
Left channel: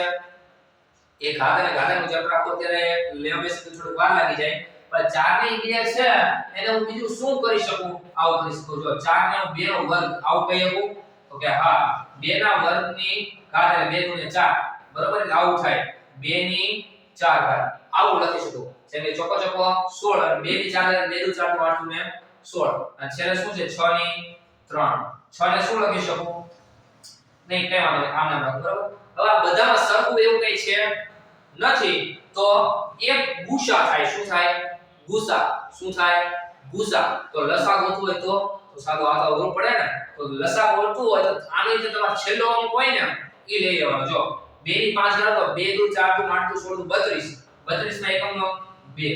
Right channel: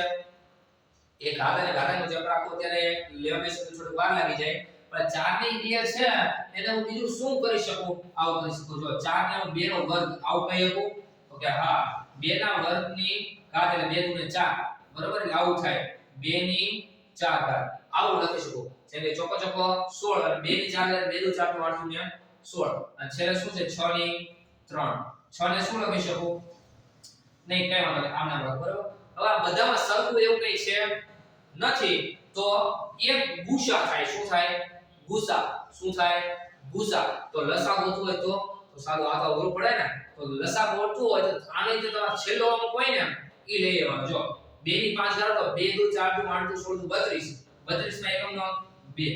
એ ઘાત અને ઘાતાંકનું ચેપ્ટર આખો અત્યારે લેવા બેસે તો થોડું વાર લાગી જાય પણ 4 ની 2 છે એને હું બીજું શું કરી શકું આવું કરી શકું જો 4 ને હું 2 નો વર્ગ આવું કહી શકું તો કે હા 2 ના વર્ગની ઘાત એટલે 2 ગુણ્યા 4 બરોબર એટલે આવું થાય 2 ની 4 ઘાત આવું લખી શકું જેમ કે ચોકો ચોકો 16 અને 2 ની 4 એટલે 2 દુ 4 તો 8 ને 16 અને છેલ્લે શું છે 6 ની 3 6 ને શું લખી શકું નહીં કઈ વાંધો નહીં આમ નામ રાખ બરોબર હવે આ બધામાં સરખું એવું કઈ છે નથી તો એક ગુસા થાય શું થાય ગુસા શું થાય ગુસા તો લસા ગોતવું હોય તો સાદો આ તો અઘરું પડે ને તો લસા ગોતવું હોય તો આની જે તમારો છેલ્લો અંક હોય ને એ લઈ લેવાનો જો 2 ની 5 ઘાત તો 2 દુ 4 દુ 8 દુ 16 32 32 માં એકમનો 2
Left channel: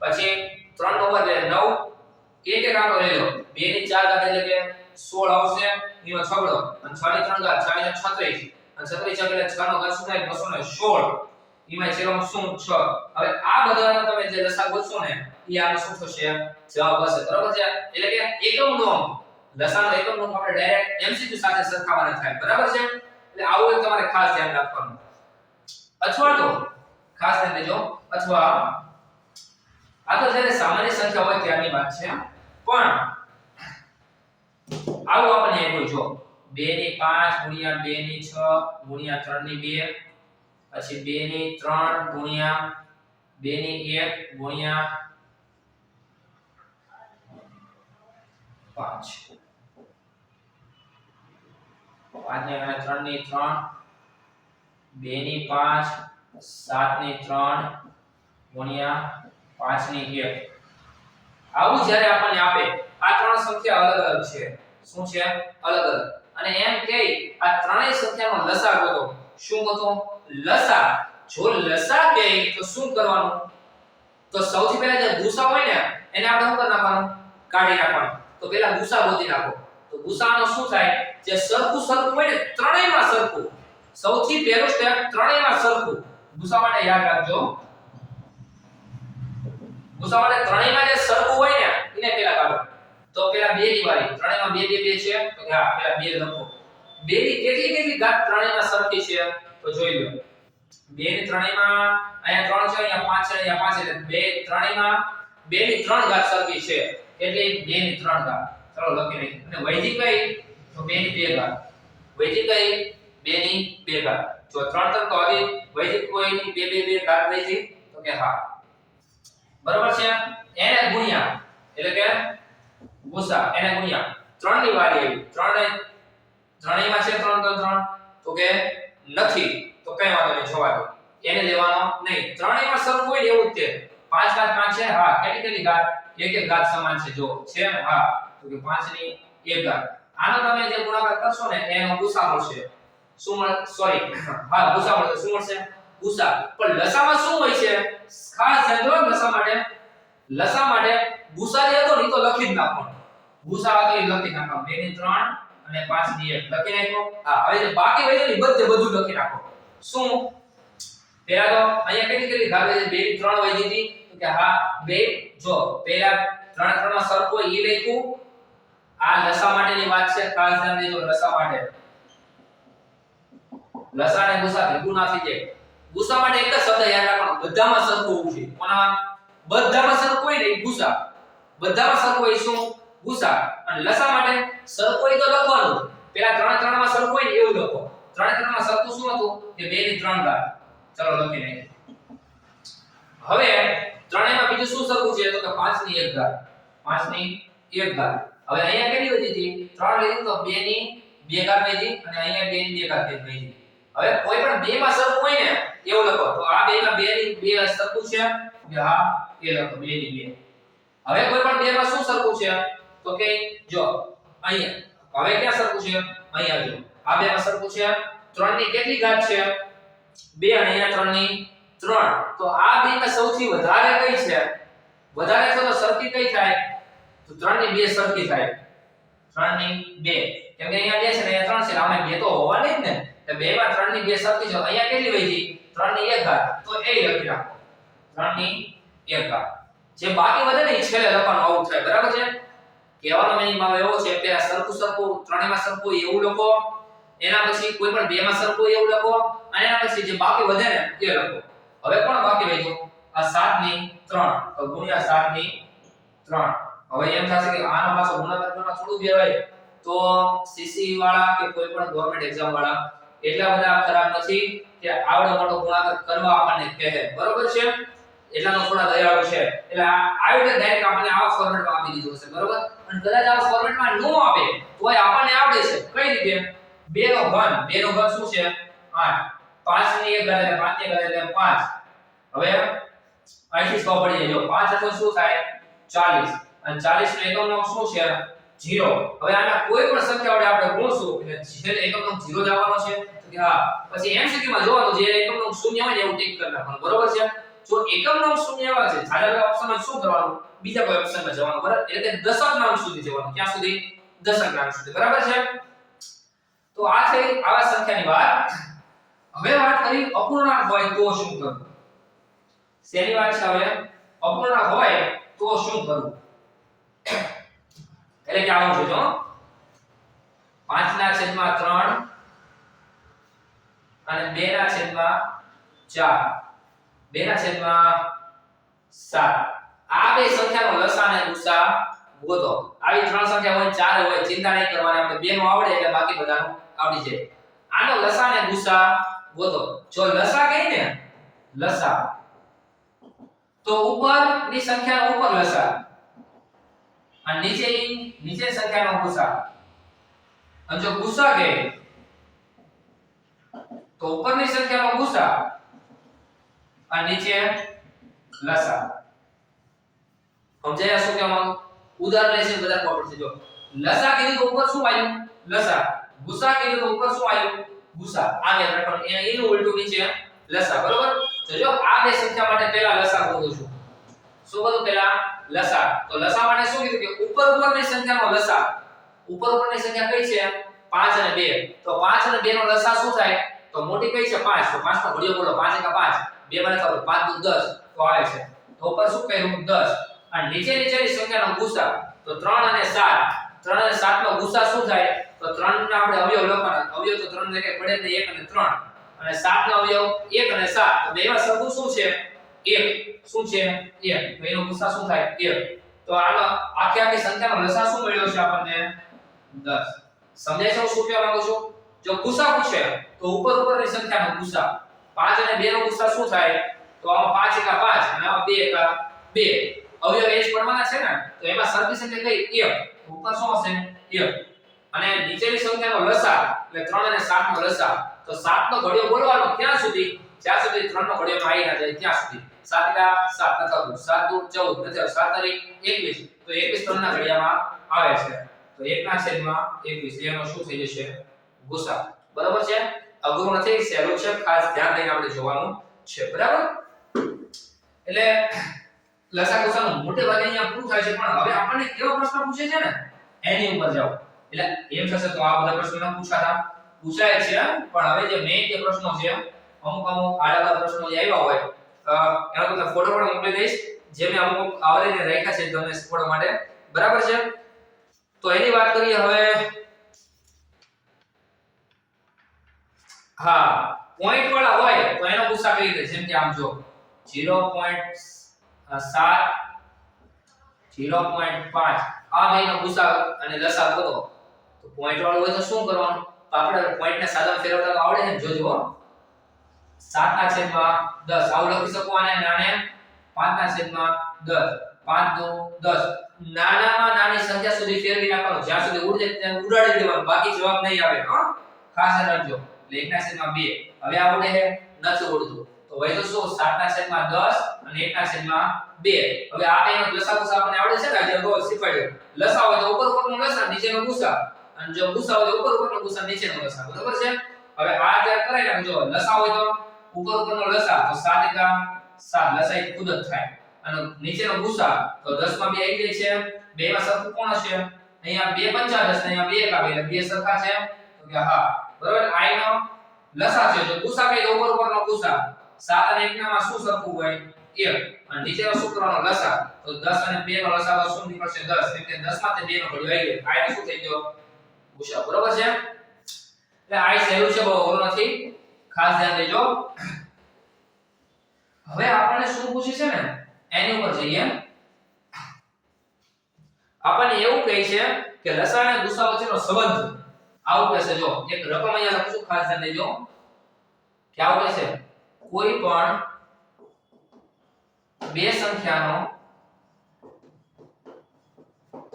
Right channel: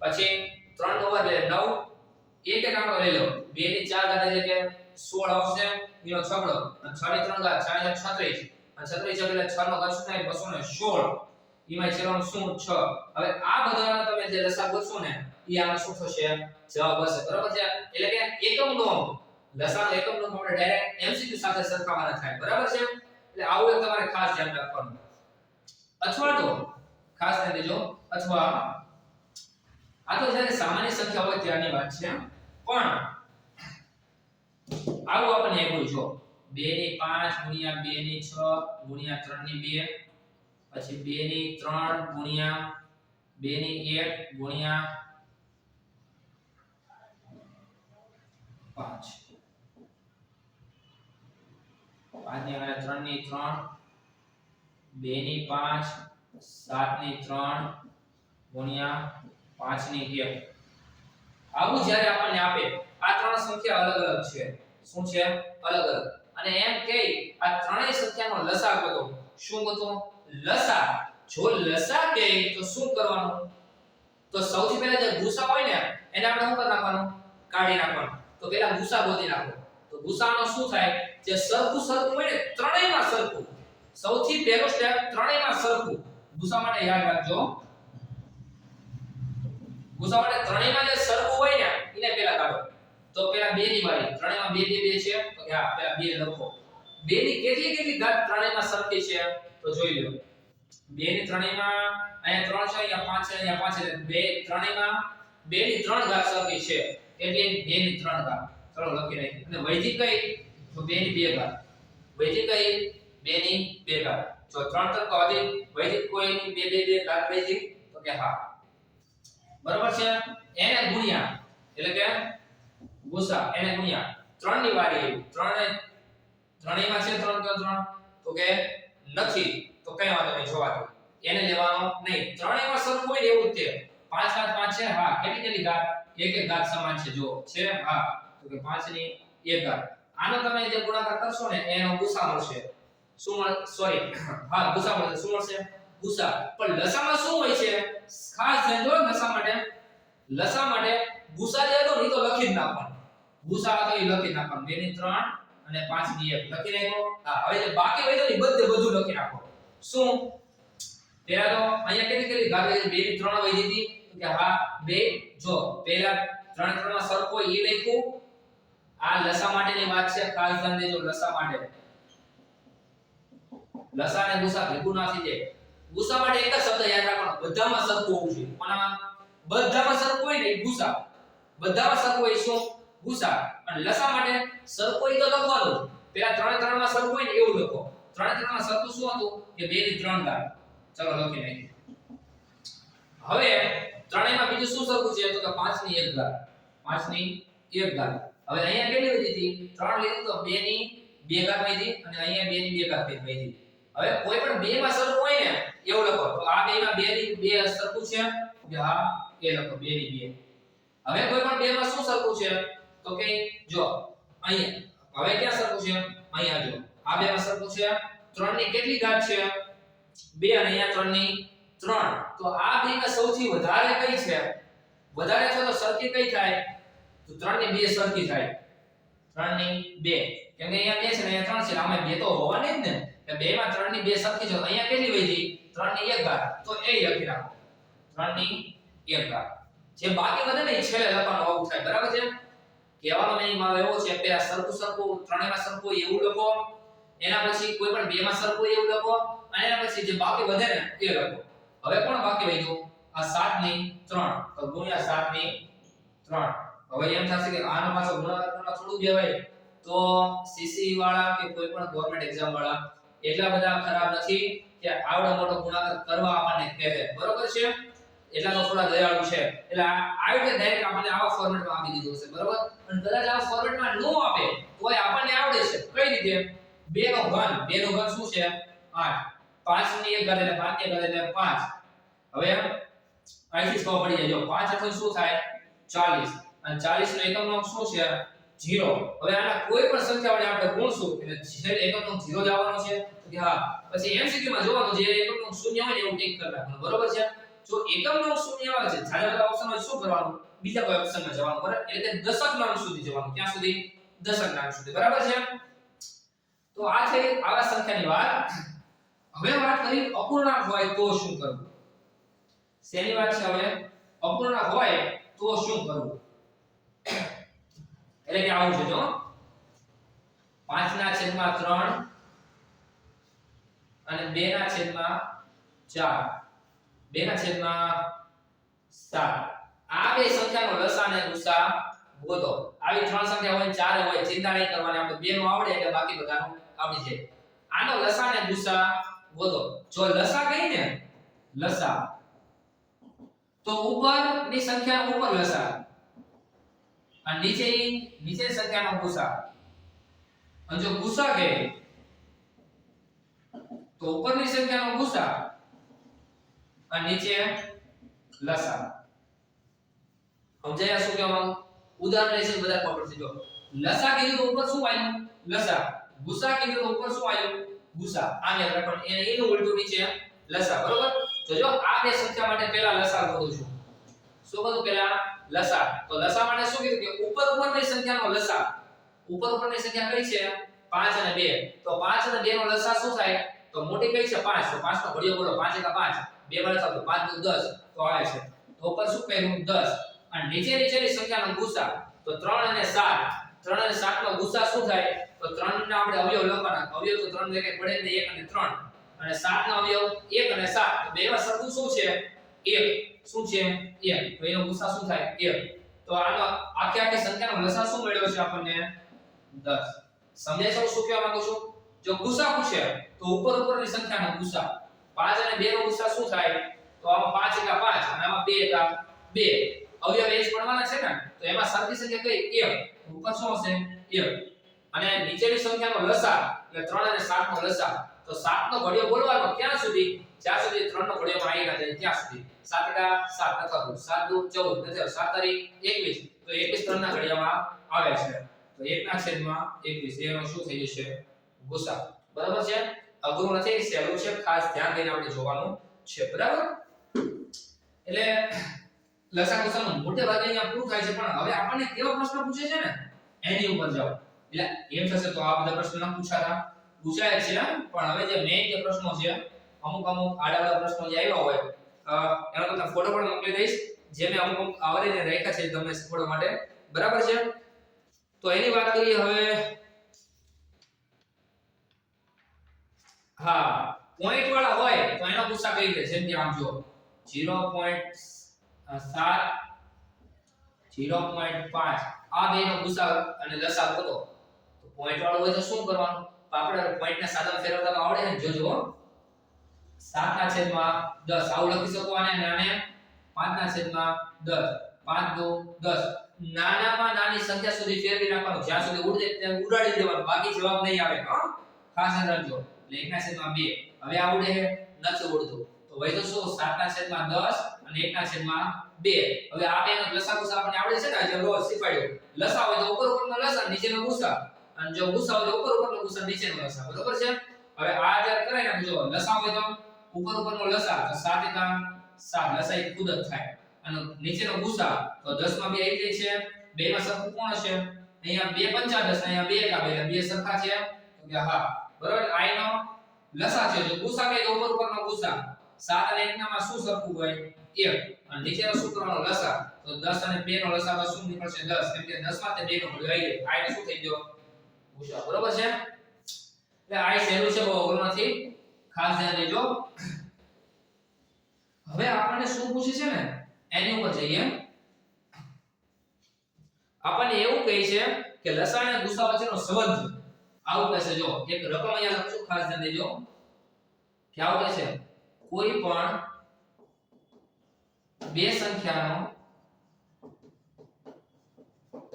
પછી 3 નો વર્ગ એટલે 9 એક એક આંકડો લઈ લો 2 ની 4 ઘાત એટલે કે 16 આવશે એનો છગડો અને 6 ની 3 ઘાત 4 ની 36 અને 36 એટલે 6 નો ઘાત શું થાય 216 એમાં છેલ્લો શું 6 હવે આ બધાનો તમે જે લસા ગોતશો ને એ આનો શું થશે જવાબ હશે બરાબર છે એટલે કે એકમનો લસાનો એકમનો આપણે ડાયરેક્ટ MCQ સાથે સરખાવવાના થાય બરાબર છે એટલે આવું એક તમારે ખાસ ધ્યાન રાખવાનું અથવા તો ખાસ ધ્યાન દેજો અથવા આ તો જ્યારે સામાન્ય સંખ્યા હોય ત્યારની વાત છે પણ આવું આપણને એમ જો 2 ની 5 ગુણ્યા 2 ની 6 ગુણ્યા 3 ની 2 પછી 2 ની 3 ગુણ્યા 2 ની 1 ગુણ્યા 5 5 ની 3 ની 3 2 ની 5 7 ની 3 ગુણ્યા 5 ની 1 આવું જ્યારે આપણને આપે આ ત્રણ સંખ્યા અલગ અલગ છે શું છે અલગ અલગ અને એમ કે આ ત્રણેય સંખ્યાનો લસા ગોતો શું ગોતો લસા જો લસા કે તો શું કરવાનું તો સૌથી પહેલા જે ગુસા હોય ને એને આપણે શું કરી નાખવાનું કાઢી નાખવાનું તો પહેલા ગુસા ગોતી નાખો તો ગુસાનો શું થાય જે સરખું સરખું હોય ને ત્રણેયમાં સરખું સૌથી પહેલું સ્ટેપ ત્રણેયમાં સરખું ગુસા માટે યાદ રાખજો ગુસા માટે ત્રણેયમાં જે સરખું હોય ને એને પહેલા કાઢો તો પહેલા 2 ની વારી ત્રણેયમાં 2 2 2 છે તો કે હા પહેલા 2 લખો 2 ની કેટલી ઘાત ત્રણેયમાં સરખી છે તો જોઈ લો 2 ની ત્રણેયમાં અહીંયા 3 છે અહીંયા 5 છે અહીંયા 5 એટલે 2 ત્રણેયમાં 2 ની 3 ઘાત સરખી છે એટલે 2 ની 3 ઘાત ચલો લખી નાખીએ અને વૈધિક કઈ તો 2 ની 2 ઘાત વૈધિક કઈ 2 ની 2 ઘાત જો 3 3 તો હજી વૈધિક કોઈની 2 2 2 ઘાત વૈધિક તો કે હા બરાબર છે એને ગુણ્યા એટલે કે ગુસા એને ગુણ્યા 3 ની વારી આવી 3 ત્રણેયમાં છે 3 3 3 તો કે નથી તો કઈ વાંધો નહીં છોવા દો એને લેવાનો નહીં ત્રણેયમાં સરખું હોય ને એવું જ છે 5 ઘાત 5 છે હા કેટલી ઘાત એક એક ઘાત સમાન છે જો છે હા તો કે 5 ની 1 ઘાત આનો તમે જે ગુણાકાર કરશો ને એનો ગુસા મળશે શું મળે સોરી હા ગુસા મળશે શું મળશે ગુસા પણ લસામાં શું હોય છે ખાસ ધ્યાન દો લસા માટે ગુસા જે હતો ને તો લખી જ નાખવાનો ગુસા હતો એ લખી નાખવાનો 2 ની 3 અને 5 ની 1 લખી નાખો હા હવે જે બાકી હોય ને બધું લખી નાખો શું પહેલા તો અહીંયા કેટલી ઘાત છે 2 ની 3 વહી દીધી તો કે હા 2 જો પહેલા 3 3 માં સરખો એ લખ્યું આ લસા માટેની વાત છે ખાસ ધ્યાન દેજો લસા માટે લસા ને ગુસા ભેગું ના થઈ જાય ગુસા માટે એક જ શબ્દ યાદ રાખવાનો બધામાં સરખું હોવું જોઈએ કોનામાં બધામાં સરખું હોય ને ગુસા બધામાં સરખું હોય શું ગુસા અને લસા માટે સરખું હોય તો લખવાનું પેલા 3 3 માં સરખું હોય ને એવું લખો 3 3 માં સરખું શું હતું કે 2 ની 3 ઘાત ચલો લખી નાખીએ હવે ત્રણેયમાં બીજું શું સરખું છે તો કે 5 ની 1 ઘાત 5 ની 1 ઘાત હવે અહીંયા કેટલી વધી હતી 3 લીધી તો 2 ની 2 ઘાત વધી અને અહીંયા 2 ની 2 ઘાત વધી હવે કોઈ પણ 2 માં સરખું હોય ને એવું લખો તો આ 2 માં 2 ની 2 સરખું છે કે હા એ લખો 2 ની 2 હવે કોઈ પણ 2 માં શું સરખું છે તો કે જો અહીંયા હવે ક્યાં સરખું છે અહીંયા જો આ 2 માં સરખું છે 3 ની કેટલી ઘાત છે 2 અને અહીંયા 3 ની 3 તો આ 2 માં સૌથી વધારે કઈ છે વધારે છે તો સરખી કઈ થાય તો 3 ની 2 સરખી થાય 3 ની 2 કેમ કે અહીંયા 2 છે ને અહીંયા 3 છે આમાં 2 તો હોવાની જ ને તો 2 માં 3 ની 2 સરખી છે અહીંયા કેટલી વધી 3 ની 1 ઘાત તો એ લખી નાખો 3 ની 1 ઘાત જે બાકી વધે ને એ છેલ્લે લખવાનું આવું થાય બરાબર છે કહેવાનો મિનિંગ માં એવો છે પહેલા સરખું ત્રણેયમાં સરખું એવું લખો એના પછી કોઈ પણ 2 માં સરખું એવું લખો અને એના પછી જે બાકી વધે ને એ લખો હવે કોણ બાકી વધ્યું આ 7 ની 3 તો ગુણ્યા 7 ની 3 હવે એમ થશે કે આનો પાછો ગુણાકાર કરવાનો થોડું બેવાય તો સીસી વાળા કે કોઈ પણ ગવર્નમેન્ટ એક્ઝામ વાળા એટલા બધા ખરાબ નથી કે આવડો મોટો ગુણાકાર કરવા આપણને કહે બરોબર છે એટલાનો થોડા દયાળુ છે એટલે આવી રીતે ડાયરેક્ટ આપણને આવા ફોર્મેટમાં આપી દીધું હશે બરોબર અને કદાચ આવા ફોર્મેટમાં ન આપે તોય આપણને આવડે છે કઈ રીતે 2 નો ઘન શું છે 8 5 ની 1 ઘાત એટલે 5 ની 1 ઘાત એટલે 5 હવે અહીંથી ખબર પડી જાય જો 5 એટલે શું થાય 40 અને 40 નો એકમ અંક શું છે 0 હવે આના કોઈ પણ સંખ્યા વડે આપણે ગુણશું એટલે છેલ્લે એકમ અંક 0 જ આવવાનો છે તો કે હા પછી MCQ માં જોવાનું જે એકમ અંક 0 હોય ને એવું ટિક કરી નાખવાનું બરોબર છે જો એકમ અંક 0 આવે છે છાયા ઓપ્શનમાં શું કરવાનું બીજા કોઈ ઓપ્શનમાં જવાનું બરાબર એટલે કે દશક નામ સુધી જવાનું ક્યાં સુધી દશક નામ સુધી બરાબર છે તો આ છે આવા સંખ્યાની વાત હવે વાત કરી અપૂર્ણાંક હોય તો શું કરવું શેની વાત છે હવે અપૂર્ણાંક હોય તો શું કરવું એટલે કે આવું છે જો 5/3 અને 2/4 2 ના છેદમાં 7 આ બે સંખ્યાનો લસા અને ગુસા ગોતો આવી ત્રણ સંખ્યા હોય ચાર હોય ચિંતા નહીં કરવાની આપણે બે નું આવડે એટલે બાકી બધાનું આવડી જાય આનો લસા અને ગુસા ગોતો જો લસા કહે ને લસા તો ઉપરની સંખ્યા ઉપર લસા અને નીચે સંખ્યાનો ગુસા અને જો ગુસા કહે તો ઉપરની સંખ્યાનો ગુસા અને નીચે લસા સમજાયા શું કહેવા માંગુ ઉદાહરણ લેશે બધા ખબર પડશે જો લસા કીધું તો ઉપર શું આવ્યું લસા ગુસા કીધું તો ઉપર શું આવ્યું ગુસા આ બે રાખવાનું એનું ઉલટું નીચે લસા બરોબર તો જો આ બે સંખ્યા માટે પહેલા લસા ગોતું છું શું કરું પહેલા લસા તો લસા માટે શું કીધું કે ઉપરની સંખ્યાનો લસા ઉપરની સંખ્યા કઈ છે 5 અને 2 તો 5 અને 2 નો લસા શું થાય તો મોટી કઈ છે 5 તો 5 નો ઘડિયો બોલો 5 * 5 2 મને ખબર 5 * 10 તો આવે છે તો ઉપર શું કર્યું 10 અને નીચેની સંખ્યાનો ગુસા તો 3 અને 7 3 અને 7 નો ગુસા શું થાય તો 3 ના આપણે અવયવ લખવાના અવયવ તો 3 જગ્યાએ પડે ને 1 અને 3 અને 7 નો અવયવ 1 અને 7 તો બેમાં સરખું શું છે 1 શું છે 1 તો એનો ગુસા શું થાય 1 તો આનો આખી સંખ્યાનો લસા શું મળ્યો છે આપણને 10 સમજાય છે હું શું કહેવા માંગુ છું જો ગુસા પૂછે તો ઉપરની સંખ્યાનો ગુસા 5 અને 2 નો ગુસા શું થાય તો આમાં 5 * 5 અને આમાં 2 * 2 અવયવ એ જ પડવાના છે ને તો એમાં સરખી સંખ્યા કઈ 1 ઉપર શું હશે 1 અને નીચેની સંખ્યાનો લસા એટલે 3 અને 7 નો લસા તો 7 નો ઘડિયો બોલવાનો ક્યાં સુધી જ્યાં સુધી 3 નો ઘડિયો આવી ના જાય ત્યાં સુધી 7 * 7 નથાતું 7 * 2 14 નથી 7 * 21 તો 21 3 ના ઘડિયામાં આવે છે તો 1 ના છેદમાં 21 એનો શું થઈ જશે ગુસા બરાબર છે અઘરું નથી સહેલું છે ખાસ ધ્યાન દઈને આપણે જોવાનું છે બરાબર એટલે લસા ગુસાનું મોટે ભાગે અહીંયા પૂરું થાય છે પણ હવે આપણને કેવો પ્રશ્ન પૂછે છે ને એની ઉપર જાઓ એટલે એમ થશે તો આ બધા પ્રશ્નો ન પૂછાય છે પણ હવે જે મેઈન જે પ્રશ્નો છે અમુક આડા પ્રશ્નો જે આવ્યા હોય એનો તો ફોટો પણ મોકલી દઈશ જે મેં અમુક આવરીને રાખ્યા છે તમને શીખવાડવા માટે બરાબર છે તો એની વાત કરીએ હવે હા પોઈન્ટ વાળા હોય તો એનો ગુસા કઈ રીતે જેમ કે આમ જો 0.7 0.5 આ બેનો ગુસા અને લસા ગોતો તો પોઈન્ટ વાળો હોય તો શું કરવાનું તો આપણે પોઈન્ટ ને સાદા ફેરવતા તો આવડે ને જોજો 7 ના છેદમાં 10 આવું લખી શકો અને નાને 5 ના છેદમાં 10 5 * 2 10 નાનામાં નાની સંખ્યા સુધી ફેરવી નાખવાનું જ્યાં સુધી ઉડે ત્યાં ઉડાડી દેવાનું બાકી જવાબ નહીં આવે હા ખાસ ધ્યાન રાખજો એટલે 1 ના છેદમાં 2 હવે આ ઉડે છે નથી ઉડતું તો હોય તો શું 7 ના છેદમાં 10 અને 1 ના છેદમાં 2 હવે આ બેનો લસા ગુસા આપણને આવડે છે ને જે રોજ શીખવાડ્યું લસા હોય તો ઉપરનો લસા નીચેનો ગુસા અને જો ગુસા હોય તો ઉપરનો ગુસા નીચેનો લસા બરાબર છે હવે આ જ્યારે કરે ને જો લસા હોય તો ઉપરનો લસા તો 7 * 7 લસા એ ખુદ જ થાય અને નીચેનો ગુસા તો 10 માં 2 આવી જાય છે બે માં સરખું કોણ હશે અહીંયા 2 * 5 10 ને અહીંયા 2 * 1 બે સરખા છે તો કે હા બરાબર આઈ નો લસા છે જો ગુસા કઈ ઉપરનો ગુસા 7 અને 1 માં શું સરખું હોય 1 અને નીચેનો શું કરવાનો લસા તો 10 અને 2 નો લસા શું નીકળશે 10 કેમ કે 10 માં તે 2 નો ઘડિયો આવી ગયો આઈ શું થઈ ગયો ગુસા બરાબર છે એટલે આઈ સહેલું છે બહુ અઘરું નથી ખાસ ધ્યાન દેજો હવે આપણને શું પૂછે છે ને એની ઉપર જઈએ આપણને એવું કહે છે કે લસા અને ગુસા વચ્ચેનો સંબંધ આવું કહે છે જો એક રકમ અહીંયા લખું ખાસ ધ્યાન દેજો કે આવું કહે છે કોઈ પણ બે સંખ્યાનો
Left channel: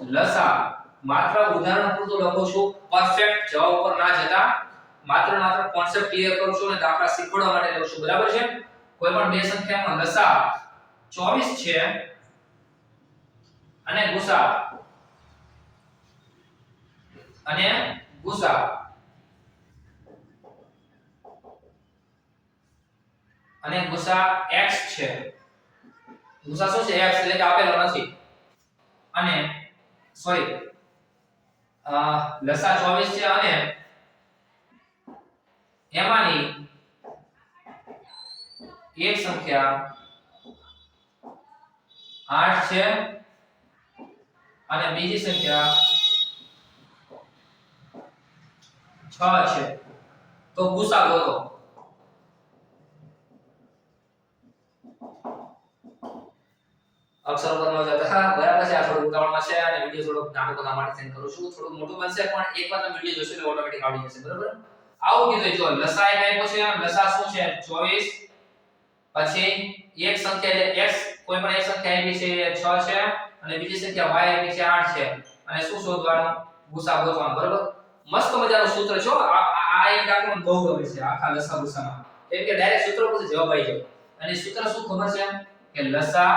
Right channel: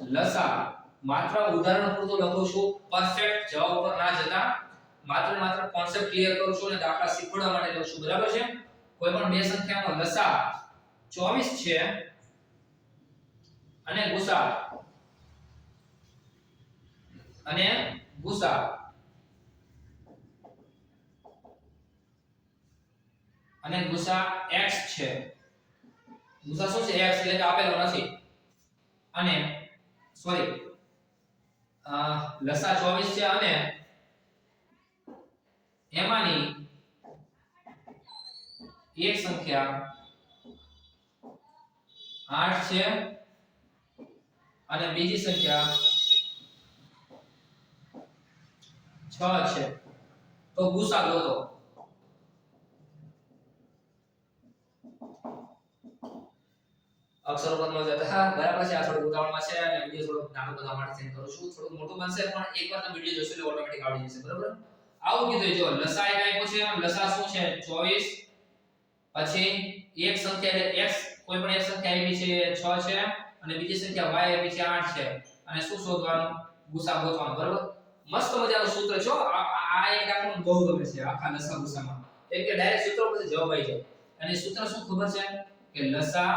લસા માત્ર ઉદાહરણ પૂરતું લખું છું પરફેક્ટ જવાબ ઉપર ના જતા માત્ર કોન્સેપ્ટ ક્લિયર કરું છું અને દાખલા શીખવાડવા માટે લઉં છું બરાબર છે કોઈ પણ બે સંખ્યાનો લસા 24 છે અને ગુસા x છે ગુસા શું છે x એટલે કે આપેલો નથી અને સોરી લસા 24 છે અને એમાંની એક સંખ્યા 8 છે અને બીજી સંખ્યા 6 છે તો ગુસા ગોતો અક્ષરો પર ન જતા. હા બરાબર છે, આ થોડું ઉતાવળમાં છે અને વિડિયો થોડો નાનો બધા માટે સેન્ડ કરું છું, થોડું મોટું બનશે પણ એકવાર તમે વિડિયો જોશો એટલે ઓટોમેટિક આવડી જશે. બરાબર, આવું કીધું. જો લસા એક આપ્યો છે, લસા શું છે 24, પછી એક સંખ્યા એટલે x, કોઈ પણ એક સંખ્યા આપી છે 6 છે અને બીજી સંખ્યા y આપી છે 8 છે અને શું શોધવાનું? ગુસા ગોતવાનો. બરાબર, મસ્ત મજાનું સૂત્ર છે. આ એક દાખલો બહુ ગમે છે આખા લસા ગુસામાં, કેમ કે ડાયરેક્ટ સૂત્ર પરથી જવાબ આવી જાય. અને સૂત્ર શું ખબર છે કે લસા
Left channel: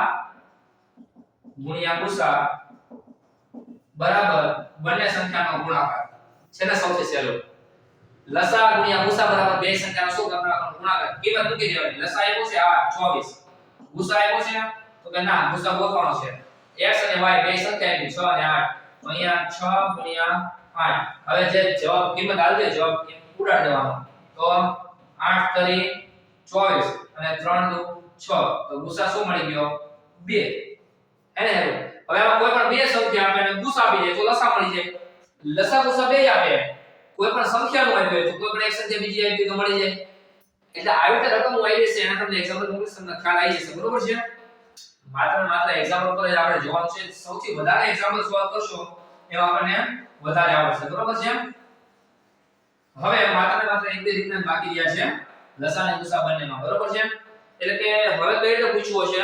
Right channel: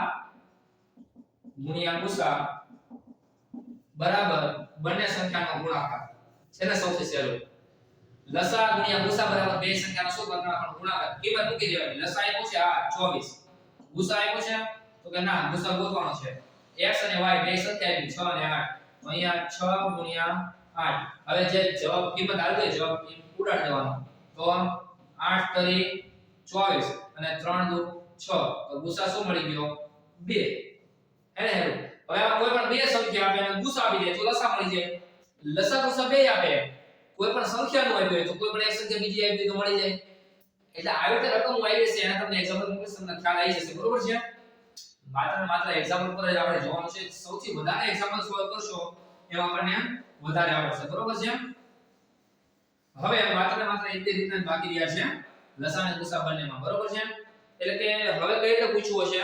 ગુણ્યા ગુસા બરાબર બંને સંખ્યાનો ગુણાકાર છે ને. સૌથી સહેલું લસા ગુણ્યા ગુસા બરાબર બે સંખ્યાનો શું કરવાનો? ગુણાકાર. કિંમત મૂકી દેવાની. લસા આપ્યો છે 24, ગુસા આપ્યો છે તો કે ના ગુસા ગોતવાનો છે. x અને y બે સંખ્યા આપી 6 અને 8, તો અહીંયા 6 ગુણ્યા 8. હવે જે જવાબ કિંમત આવી જાય જવાબ ઉડાડી દેવાનો. તો 8 તરી 24 અને 3 દુ 6, તો ગુસા શું મળી ગયો? 2. એને હવે આમાં કોઈ પણ બે સંખ્યા આપે અને ગુસા આપી દે તો લસા મળી જાય. લસા ગુસા બે આપે, કોઈ પણ સંખ્યાનું આપ્યું હોય તો કોઈ પણ એક સંખ્યા બીજી આપી તો મળી જાય. એટલે આવી રીતે રકમ આવી જશે. એના તમને એક્ઝામ્પલ મૂકીશ, તમને ખ્યાલ આવી જશે. બરોબર છે, માત્ર એક્ઝામ્પલ પર જ આપણે જોવાનું છે. સૌથી વધારે એક્ઝામ્પલ સોલ્વ કરશો એમાં આપણને વધારે આવડશે. બરોબર છે, હવે માત્ર એક બે રીતના બાકી રહ્યા છે લસા અને ગુસા બંનેમાં. બરોબર છે, એટલે કે હવે કઈ રીતે પૂછવું છે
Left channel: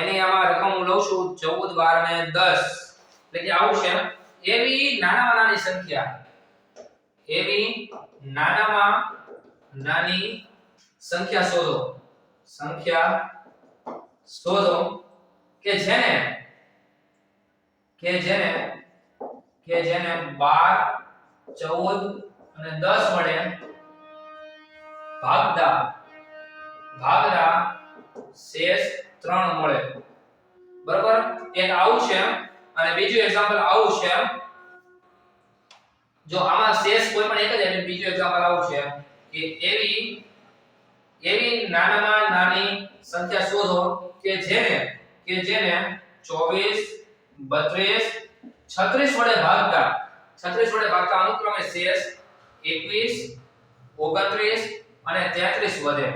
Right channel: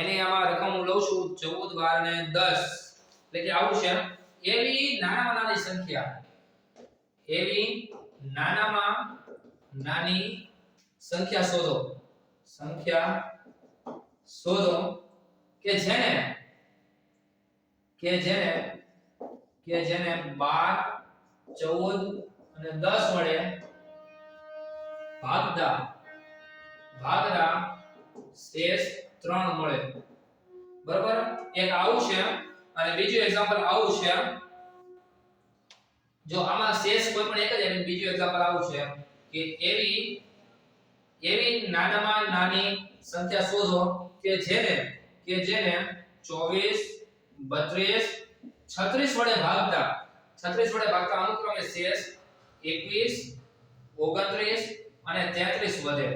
એને આમાં રકમ હું લઉં છું 14, 12 અને 10. એટલે કે આવું છે, એવી નાનામાં નાની સંખ્યા, એવી નાનામાં નાની સંખ્યા શોધો, સંખ્યા શોધો કે જેને 12, 14 અને 10 વડે ભાગતા શેષ 3 મળે. બરાબર, એક આવું છે અને બીજું એક્ઝામ્પલ આવું છે. જો આમાં શેષ કોઈ પણ એક જ અને બીજું એક્ઝામ્પલ આવું છે કે એવી નાનામાં નાની સંખ્યા શોધો કે જેને 24, 32, 36 વડે ભાગતા અનુક્રમે શેષ 21, 29 અને 33 વધે.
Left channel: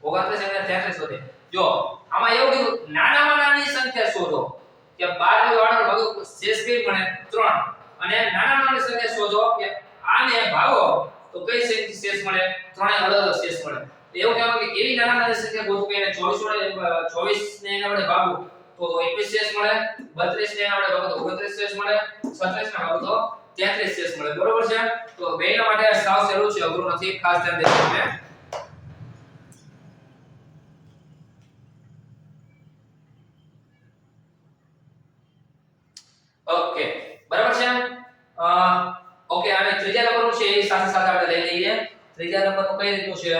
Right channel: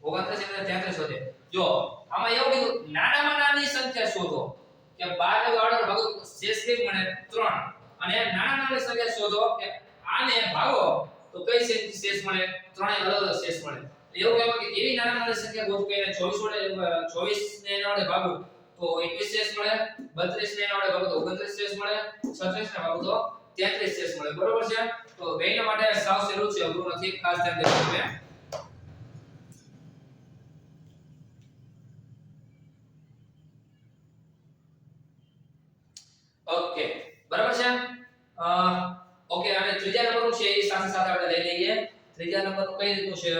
29 અને 33 વધે. જો આમાં એવું કીધું નાનામાં નાની સંખ્યા શોધો કે 12 વાળો ભાગો શેષ કઈ મળે? 3. અને નાનામાં નાની સંખ્યા શોધો કે આને ભાગો તો કઈ સંખ્યા શેષ મળે? ત્રણેય અલગ અલગ શેષ મળે. એવું કહેવાય કે એવી નાનામાં નાની સંખ્યા ગોતો કે એને 24 ને એના વડે ભાગો તો 21 શેષ મળે, 32 ને એના વડે ભાગો તો 29 શેષ મળે, 36 ને ભાગો તો 33 શેષ મળે. બરોબર છે, તો બેયના માટે સાવ સહેલું છે, અઘરું નથી, ખાસ ધ્યાન દેજો તમે. ઓકે, બરાબર છે. ઓકે, અને ત્રીજા નંબરનું છે એ સાથે સાથે આપણે લઈ લઈએ. ત્રીજા નંબરનું કઈ રીતનું છે?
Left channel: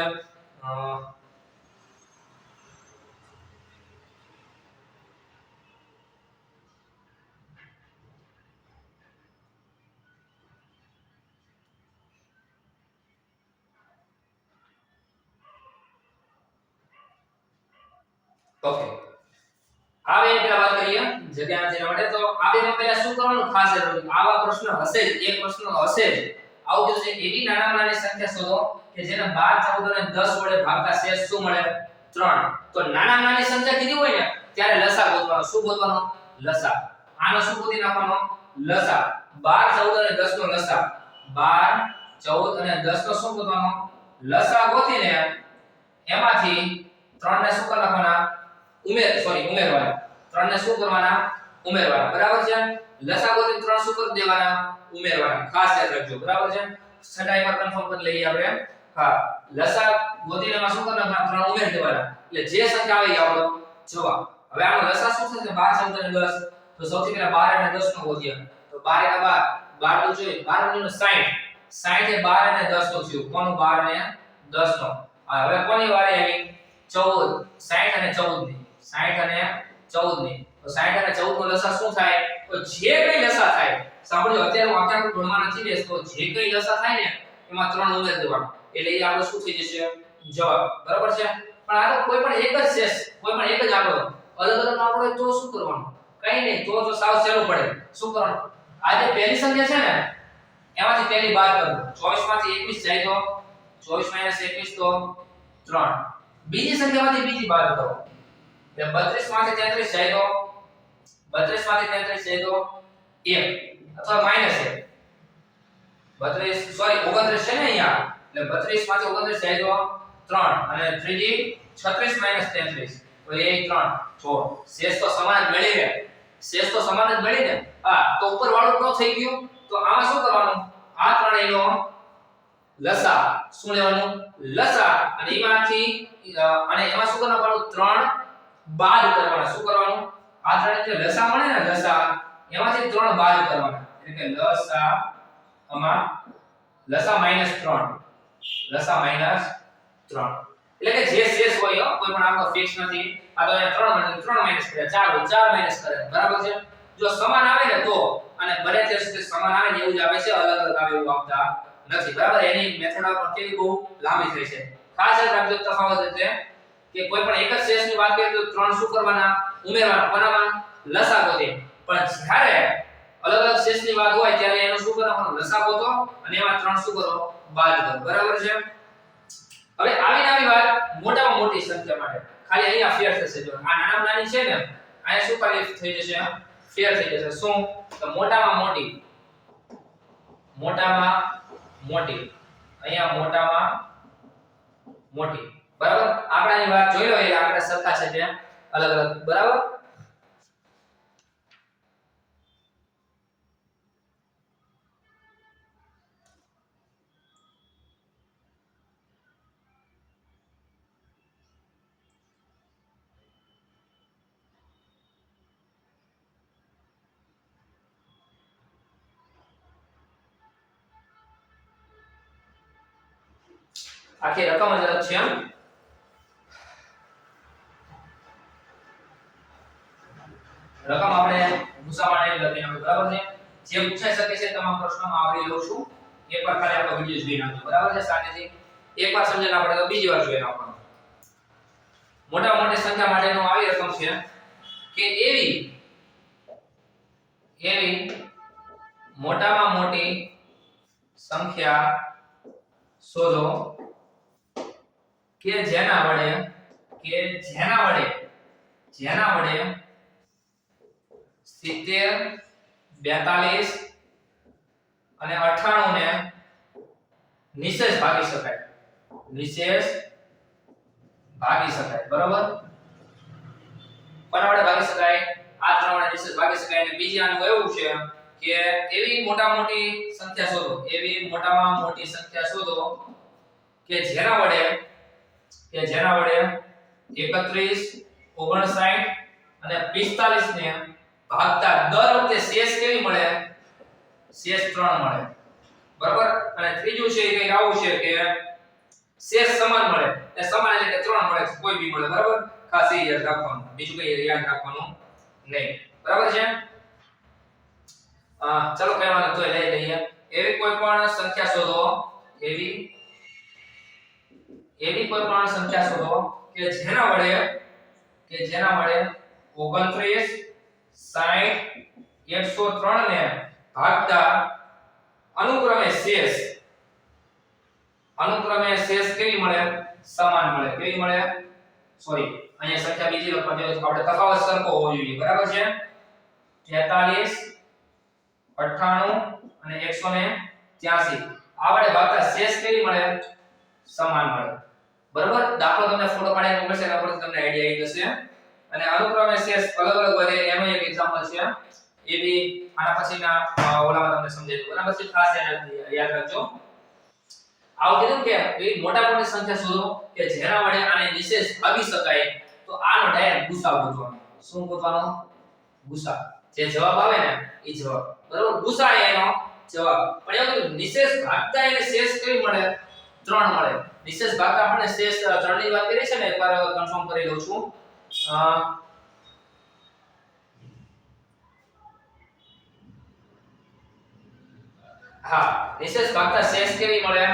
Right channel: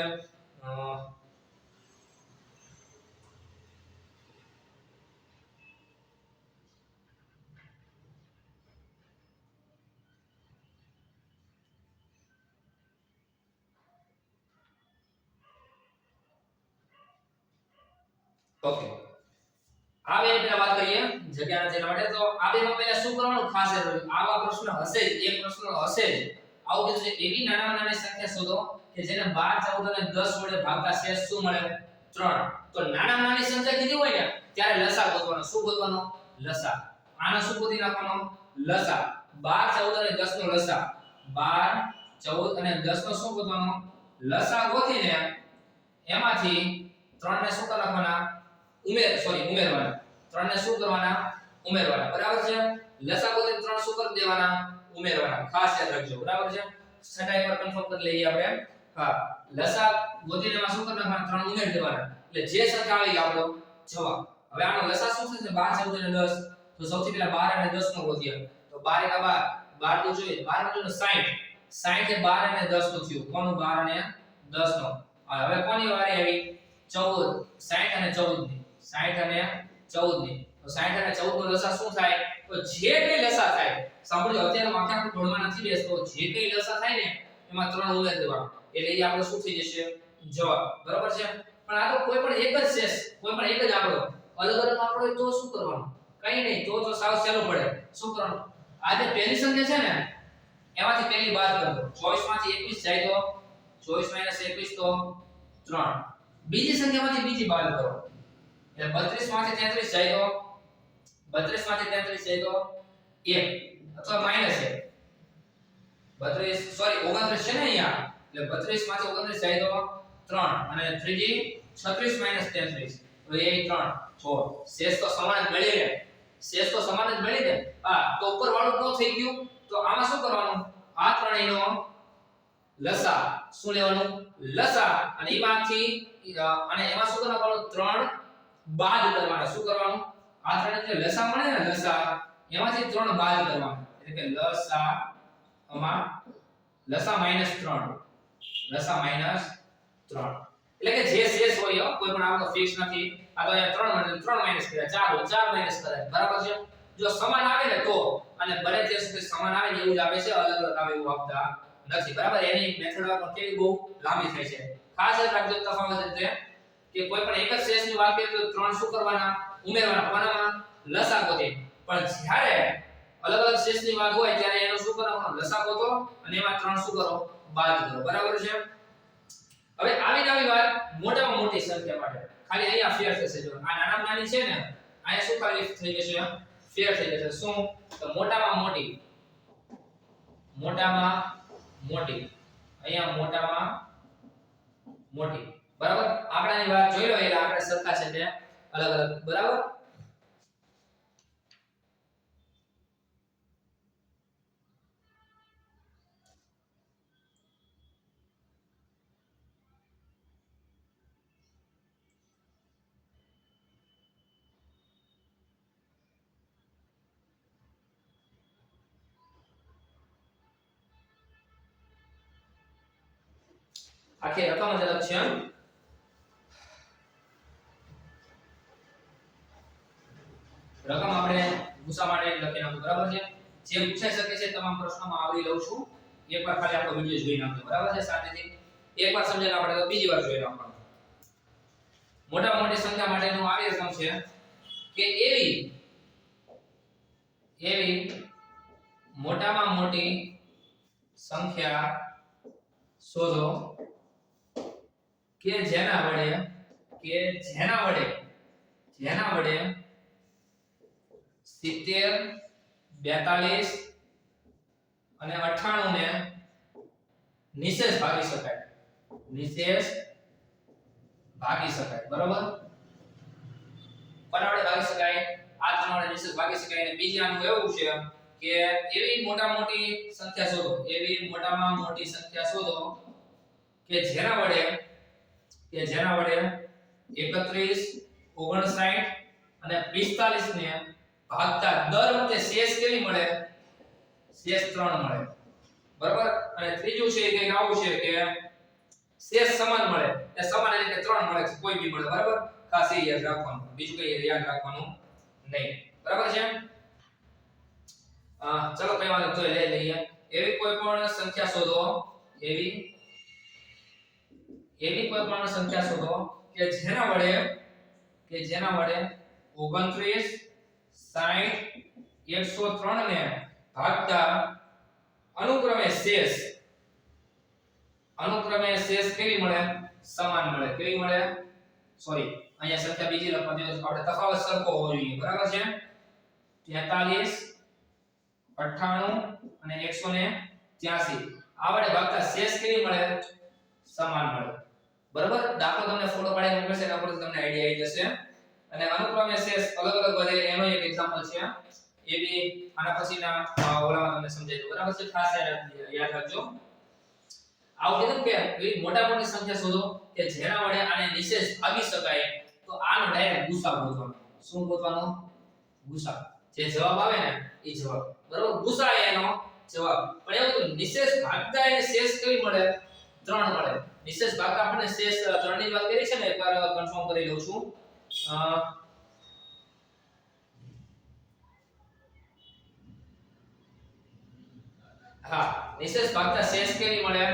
ઓકે, આ બે પહેલા વાત કરીએ જગ્યા જેના માટે. તો આ બેમાં પહેલા શું કરવાનું ખાસ જરૂરી? આવા પ્રશ્ન હશે જ, એક પ્રશ્ન હશે જ. આવું કીધું છે એવી નાનામાં નાની સંખ્યા શોધો કે જેને 12, 14 અને 10 વડે ભાગતા શેષ શું મળે? 3. તો નાનામાં નાની સંખ્યા કીધી હોય ને ત્યારે લસા ગોતવાનો. શું ગોતવાનો? લસા. આનો શું ગોતી નાખવાનો? લસા. 12, 14 અને 10 નો લસા. 12, 14 અને 10 નો શું ગોતવાનો? લસા ગોતીને એમાંથી 3 ને શું કરી નાખવાના? ઉમેરવાના. 3 ને શું કરવાના? ઉમેરવાના. બરાબર છે, લસા ગોતીને 3 શું કરી દેવાના? ઉમેરવાના. ખાસ યાદ રાખજો. બરાબર છે, છઠ્ઠા પર કન્ફર્મ કરી લઈએ આપણે. હા, લસા ગોતીને એમાં શું કરી નાખવાના? 3 ઉમેરી દેવાના. એટલે જે સંખ્યા આવી આપણો જવાબ. હવે આનો લસા શું થશે? 12, 14 અને 10. તો સૌથી પહેલા 12 અને 10 નો ગોતીએ. તો 12 એકા 12 નું જોઈએ. 12 નું 60. 60 એ 12 અને 10 નું થયું. કોનું? 12 અને 10 નો. હવે કોની વારે આવી? 14. 60 અને 14 ની. 60 અને 14 ની. તો 60 અને 14 નો લસા શું થાય? તો જે કઈ લસા થાય, સાંભળજો, અત્યારે હું આખા ભણવા નથી બેસતો, જે કઈ લસા થાય ને એમાં 3 ઉમેરી દેવાનું. એટલે એ આપણો શું થઈ જશે? જવાબ. બરાબર છે, પણ આ તો કોઈ પણ એક જ શેષ, કોઈ પણ એક જ આંકડો અલગ અલગ આંકડો હોય તો શું કરવાનું? કઈ નહીં, તો સાવ સહેલું પડે. શું કરવાનું? આ જે પહેલી સંખ્યા છે ને એમાંથી પહેલી બાદ કરો. 24 માંથી 21 જાય તો 24 - 21 તો 3. બીજી સંખ્યામાંથી બીજી બાદ કરો. એટલે 32 માંથી 33 જાય તો 32 માંથી 33 જાય તો 1 અથવા -1 32 સોરી 29 છે ને અહીંયા એટલે 32 માંથી 29 જાય તો 3 અને ત્રીજી 36 - 33 તો એ 3 જો શેષ તો સમાન જ મળી ને શેષ તો સમાન જ મળી ને હા તો ઉપર વાળું ન થઈ ગયું તો આમાં શું કરવાનું આ ત્રણેયનો લસા શું લેવાનું લસા અને એમાંથી અને એમાં શું કરવાનું 3 બાદ કરવાના શું કરવાનું આ ત્રણે જે લસા મળે ને લસા એમાંથી 3 બાદ કરવાના એટલે કે લસા આમાં લસા -3 લસા -3 એટલે કે જે શેષ હોય કોઈ પણ આપણો ફિક્સ નથી આ તો અહીંયા 3 માઈનસ કર્યા 4 હોય 4 માઈનસ કરે બરાબર છે જો સમાન આવે ને તો અને બને ત્યાં સુધી સમાન આવે ને એવું જ આવે છે અલગ અલગ આવે એવું આપતા નથી બરાબર એની મેથડ પણ કેવી બહુ લાંબી થઈ છે ખાસ યાદ રાખજો તફાવત એટલે કે કોઈ પણ એક જ શેષની વાત કરીએ તો 3 શું કરવાના ઉમેરવાના કોનામાં લસા ગોતે પણ જ્યારે અલગ અલગ શેષની વાત હોય ત્યારે એનો શું કરવાનું લસા ગોતો અને એમાં 3 શું કરો બાદ કરો બરાબર છે હવે આવી નવી વાત મોટામાં મોટી સંખ્યા માટે ખાલી અહીંયા ફેર થશે જો આ નાનામાં નાની છે ને અહીંયા શું ખાલી થઈ જશે ફેર થઈ જશે શું તો મોટામાં મોટી અહીંયા મોટામાં મોટી બરાબર આંકડાની વાત જોઈ લો એટલે આંકડા સરખા છે ત્યાં અલગ અલગ બરાબર આખી રકમ જ અલગ છે રકમ આપણે ગુસામાને લખી નાખો બરાબર છે જે પૂછાઈ શકે છે તમામ પ્રશ્નોમાં આવરી લઉં છું એકવાર ખાલી આપણો વિડિયો જોઈ નાખજો બરાબર છે શાંતિથી એકવાર સમજણ આપણે તો બીજી વાર જોઈ નાખવાનું મોટા મોટી સંખ્યા માટેનો આવી રકમ છે કે એવી મોટામાં મોટી સંખ્યા શોધો કે જેના વડે 70 42 અને 98 ને નિશેષ ભાગી શકાય બરાબર કોના વડે ભાગી શકાય આ ત્રણ વડે નિશેષ ભાગી શકાય અને બીજી આનું એવું છે કે એવી મોટામાં મોટી સંખ્યા શોધો કે જેના વડે 31 59 અને 45 ને ભાગતા દર વખતે શેષ કેવી મળે શેષ 3 મળે બરાબર અને ત્રીજું છે એ કંઈક આવું છે કે શેષ સમાન મળે એ સમાન એટલે કે 3 મળે કોઈ બી મળે બરાબર ખાસ એ યાદ રાખવાનું બીજું કંઈ યાદ રાખવાનું નહીં બરાબર છે ચલો કઈ વાંધો તો લઈ લઈએ એવી કોઈ પણ સંખ્યા શોધો એવી કોઈ પણ સંખ્યા શોધો કે જેના વડે 29 60 103 ને ભાગતા અનુક્રમે શેષ કેવી મળે સમાન મળે કેવી મળે સોરી અહીંયા સંખ્યા બીજી લખવાની છે આપણે તફાવત સરખો હોવો જોઈએ બરાબર છે 43 98 અને 183 આ વડે ભાગતા શેષ કેવી મળે સમાન મળે બરાબર દાખલો તમને ફોટો પાડીને મોકલશે એના પરથી તમને આઈડિયા આવી જશે અને અનુક્રમે શેષ અલગ અલગ વધે એનો એક એક્ઝામ્પલ છે એ બી આના પછીના ઓલામાં તમને સમજાવી દઉં બરાબર છે ખાસ યાદ રાખજો આવું કીધું કે એવી મોટા મોટી સંખ્યા શોધો કે જેના વડે આને નિશેષ ભાગી શકાય તો આનો ડાયરેક્ટ ગુસા ગોતવાનો શું ગોતવાનો ગુસા જે જવાબ આવે ને એ જવાબ બરાબર ગુસા એનો જવાબ પણ એવું નિશેષ ભાગતા એને શેષ કેવી મળે 3 મળે નિશેષ ભાગતા આપણે શેષ 3 ની વાત કરી છે ને એકવાર કન્ફર્મ કરી લઉં છું હા નિશેષ ભાગતા શેષ કેવી મળે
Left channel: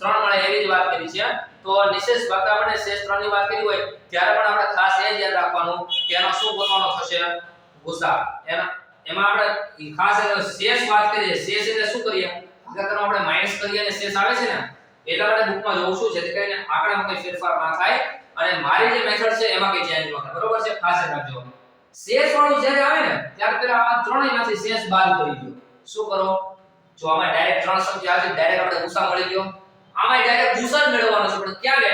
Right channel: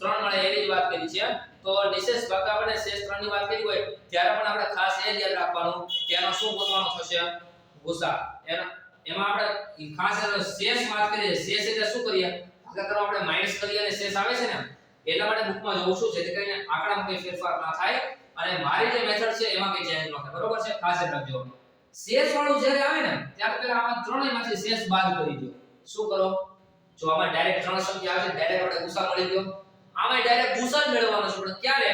3 મળે એવી જ વાત કરી છે તો નિશેષ ભાગતા આપણે શેષ 3 ની વાત કરી હોય ત્યારે પણ આપણે ખાસ એ યાદ રાખવાનું કે એનો શું ગોતવાનો થશે ગુસા એમાં આપણે ખાસ શેષ વાત કરીએ શેષ એટલે શું કરીએ ભાગાકારમાં આપણે માઈનસ કરીએ અને શેષ આવે છે ને એટલા માટે બુકમાં જોઉં છું જેથી કરીને આંકડામાં કોઈ ફેરફાર ના થાય અને મારી જે મેથડ છે એમાં કોઈ ચેન્જ ન થાય બરોબર છે ખાસ યાદ રાખજો શેષ વાળું જ્યારે આવે ને ત્યારે પેલા આ ત્રણેયમાંથી શેષ બાદ કરી દો શું કરો જો આમાં ડાયરેક્ટ ત્રણ સંખ્યા આવે ડાયરેક્ટ આપણે ગુસા મળી ગયો આમાં ડાયરેક્ટ ગુસા જ મેળવવાનો છે પણ ક્યારે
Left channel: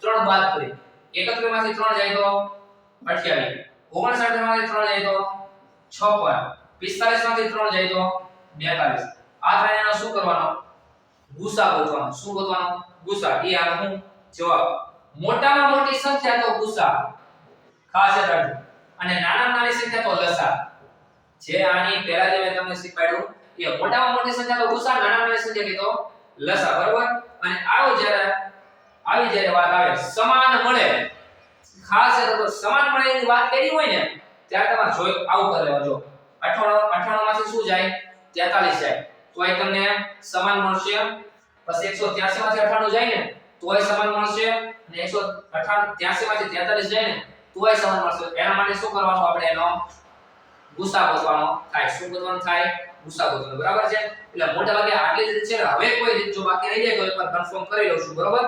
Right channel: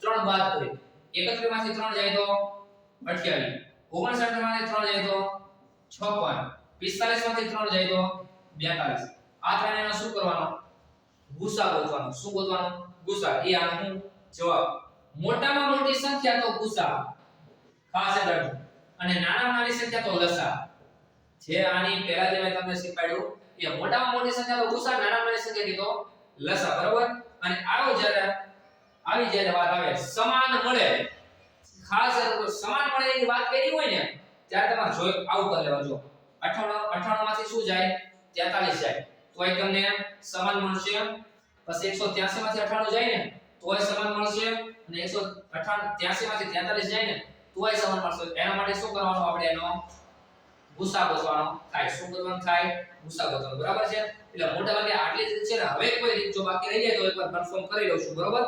ત્રણ બાદ કરી 71 માંથી 3 જાય તો 28 59 માંથી 3 જાય તો 56 45 માંથી 3 જાય તો 42 આ ત્રણેયનો શું કરવાનો ગુસા ગોતવાનો શું ગોતવાનો ગુસા એ આ હું જવાબ મોટામાં મોટી સંખ્યા તો ગુસા ખાસ યાદ રાખજો અને નાનામાં નાની સંખ્યા તો લસા જે આની પહેલા જે મેં તમને શીખવાડ્યું એ મોટામાં મોટી સંખ્યા તો ગુસા નાનામાં નાની સંખ્યા કીધો લસા બરોબર અને આવી જ્યારે વાત આવે સમાન મળે ખાસ યાદ રાખો સમાન મળે એની વાત કરી હોય ને ત્યારે તમારે જોઈ આવું કરી લેવા જો 98 માંથી શું જાય 43 જાય તો એ તમને સમાન મળશે પછી 183 માંથી 98 જાય ને તોય સમાન મળશે અને 183 માંથી 43 જાય ને તોય સમાન મળશે એના માટે શું કરવાનું આપણે એનો ગુસા ગોતવાનો થાય શું ગોતવાનું થાય ગુસા ગોતવાનો બરાબર છે એટલે મોટા ભાગે આટલી જ રીત છે ને હવે કોઈ રીત જો બાકી રહી જાય તો એકવાર કન્ફર્મ કરી લઉં છું બરાબર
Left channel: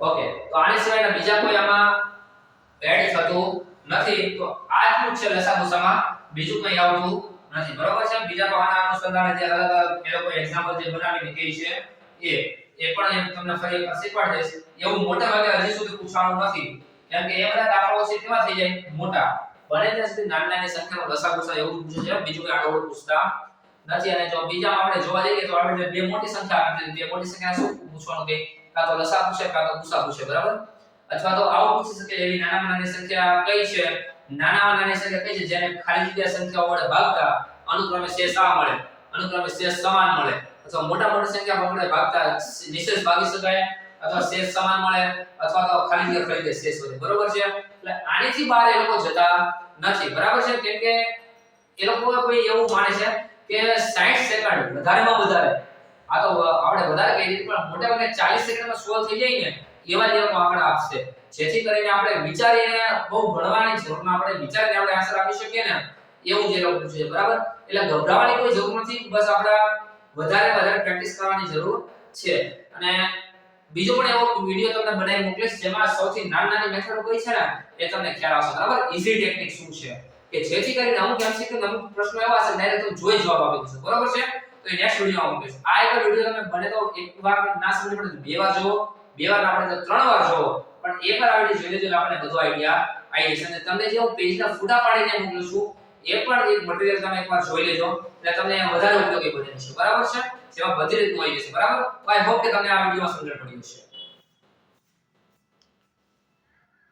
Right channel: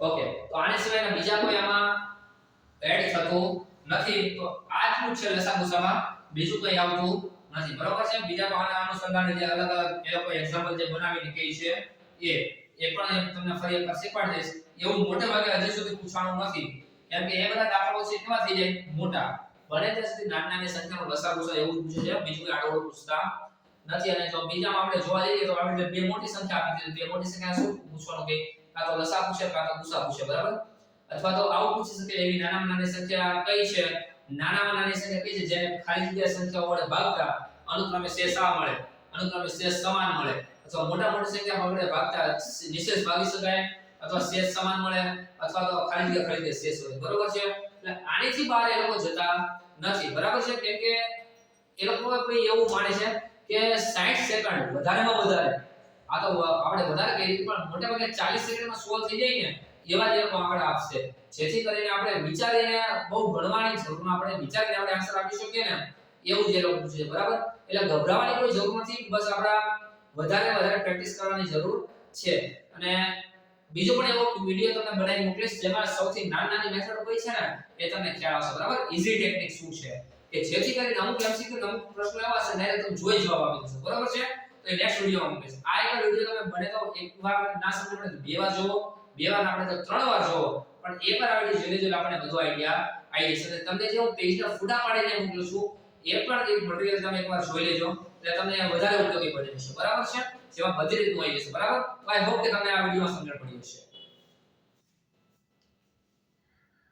ઓકે તો આની સિવાયના બીજા કોઈ આમાં એડ થતું નથી તો આટલું છે લસાગુસામાં બીજું કંઈ આવતું નથી બરાબર છે બીજા તો આના અનુસંધાને જે અલગ અલગ એ લોકો એક્ઝામ્પલ જે બનાવીને કહે છે એ પણ એમ તમને ફરી એકવાર શીખવાડી દઈશ એવું મોટા ભાગે હજી સુધી પૂછવાનું નથી કેમ કે એ બધા દાખલાઓ છે કેવા થઈ જાય મોટા બને ત્યાં સુધી નાની નાની સંખ્યાનો લસાગુસા એવું પૂછ્યું છે બીજું કોઈ આડો પૂછતા નથી અને જો બીજામાં આપણે જોવા જઈએ તો આપણે બે મોટી સંખ્યા આપી બે મોટી સંખ્યા શું પૂછવાનું કે કાં તો લસા પૂછે કાં તો ગુસા પૂછે બરાબર અથવા તો આવું પૂછી શકે એવી નાનામાં નાની સંખ્યા કઈ છે નાનામાં નાની સંખ્યા કઈ છે જેને ખાલી જગ્યા સંખ્યાઓ વડે ભાગતા અનુક્રમે શેષ આ મળે અનુક્રમે શેષ સમાન મળે અથવા મોટા મોટી સંખ્યા વડે ભાગતા નિશેષ ભાગી શકાય અથવા શેષ સમાન મળે અથવા તો ખાલી જગ્યા શેષ વધે બરોબર છે એટલે આનીથી બહાર એ લોકો જતા નથી બરાબર છે કેમ કે એ લોકો કોઈ એવું માને છે કે 60 સેકન્ડ વધારેમાં વધારે આ તો આપણે વધારે કહીએ પણ મોટે ભાગે 40 સેકન્ડમાં સોલ્વ થઈ જાય ને એવા જ લોકો આંકડા આપશે જેથી કરીને આપણે વિચારીને બહુ ભણવાની જરૂર ન આપણે વિચારીને આપણે આન્સર આપી શકીએ ને એવું જે લોકો પૂછે છે બરાબર એટલે ગભરાવાની કોઈ જરૂર નથી બસ આપણે વધારે પ્રેક્ટિસ કરવાની જરૂર છે અને બીજો પણ એવો વિડિયો તમને બનાવી મોકલીશ જેમાં સૌથી નાની મેથડ કઈ છે ને એ તમને ખ્યાલ આવશે બરાબર ઈઝી ટેકનિક શું છે કે જેથી કરીને અમુક એમસીક્યુ અમુક પ્રશ્નો એવા હશે ને તમે જોઈ જવાબ આપી દેશો બરાબર છે તો એ નેક્સ્ટ વિડિયોમાં મૂકીશ આ એક વિડિયો તમે બને તો એક વાર ના સમજ પડે બે વાર જોવો બે વાર ના પડે તો ત્રણ વાર જોવો પણ એક વાર આ વિડિયો જોઈ લેજો આપણે બધો આઈડિયા આવી જશે અને તમને જે હું પેજના ફોટા પાડીને મોકલું છું એ પણ એક મટીરીયલ તમે એકવાર જોઈ લેજો એટલે તમને વધારે ઉપયોગી બની જશે બરાબર છે જેમાં બધી રીતનું આવી જશે બરાબર આઈ હોપ કે તમને આ વિડિયોમાં સમજણ પડી હશે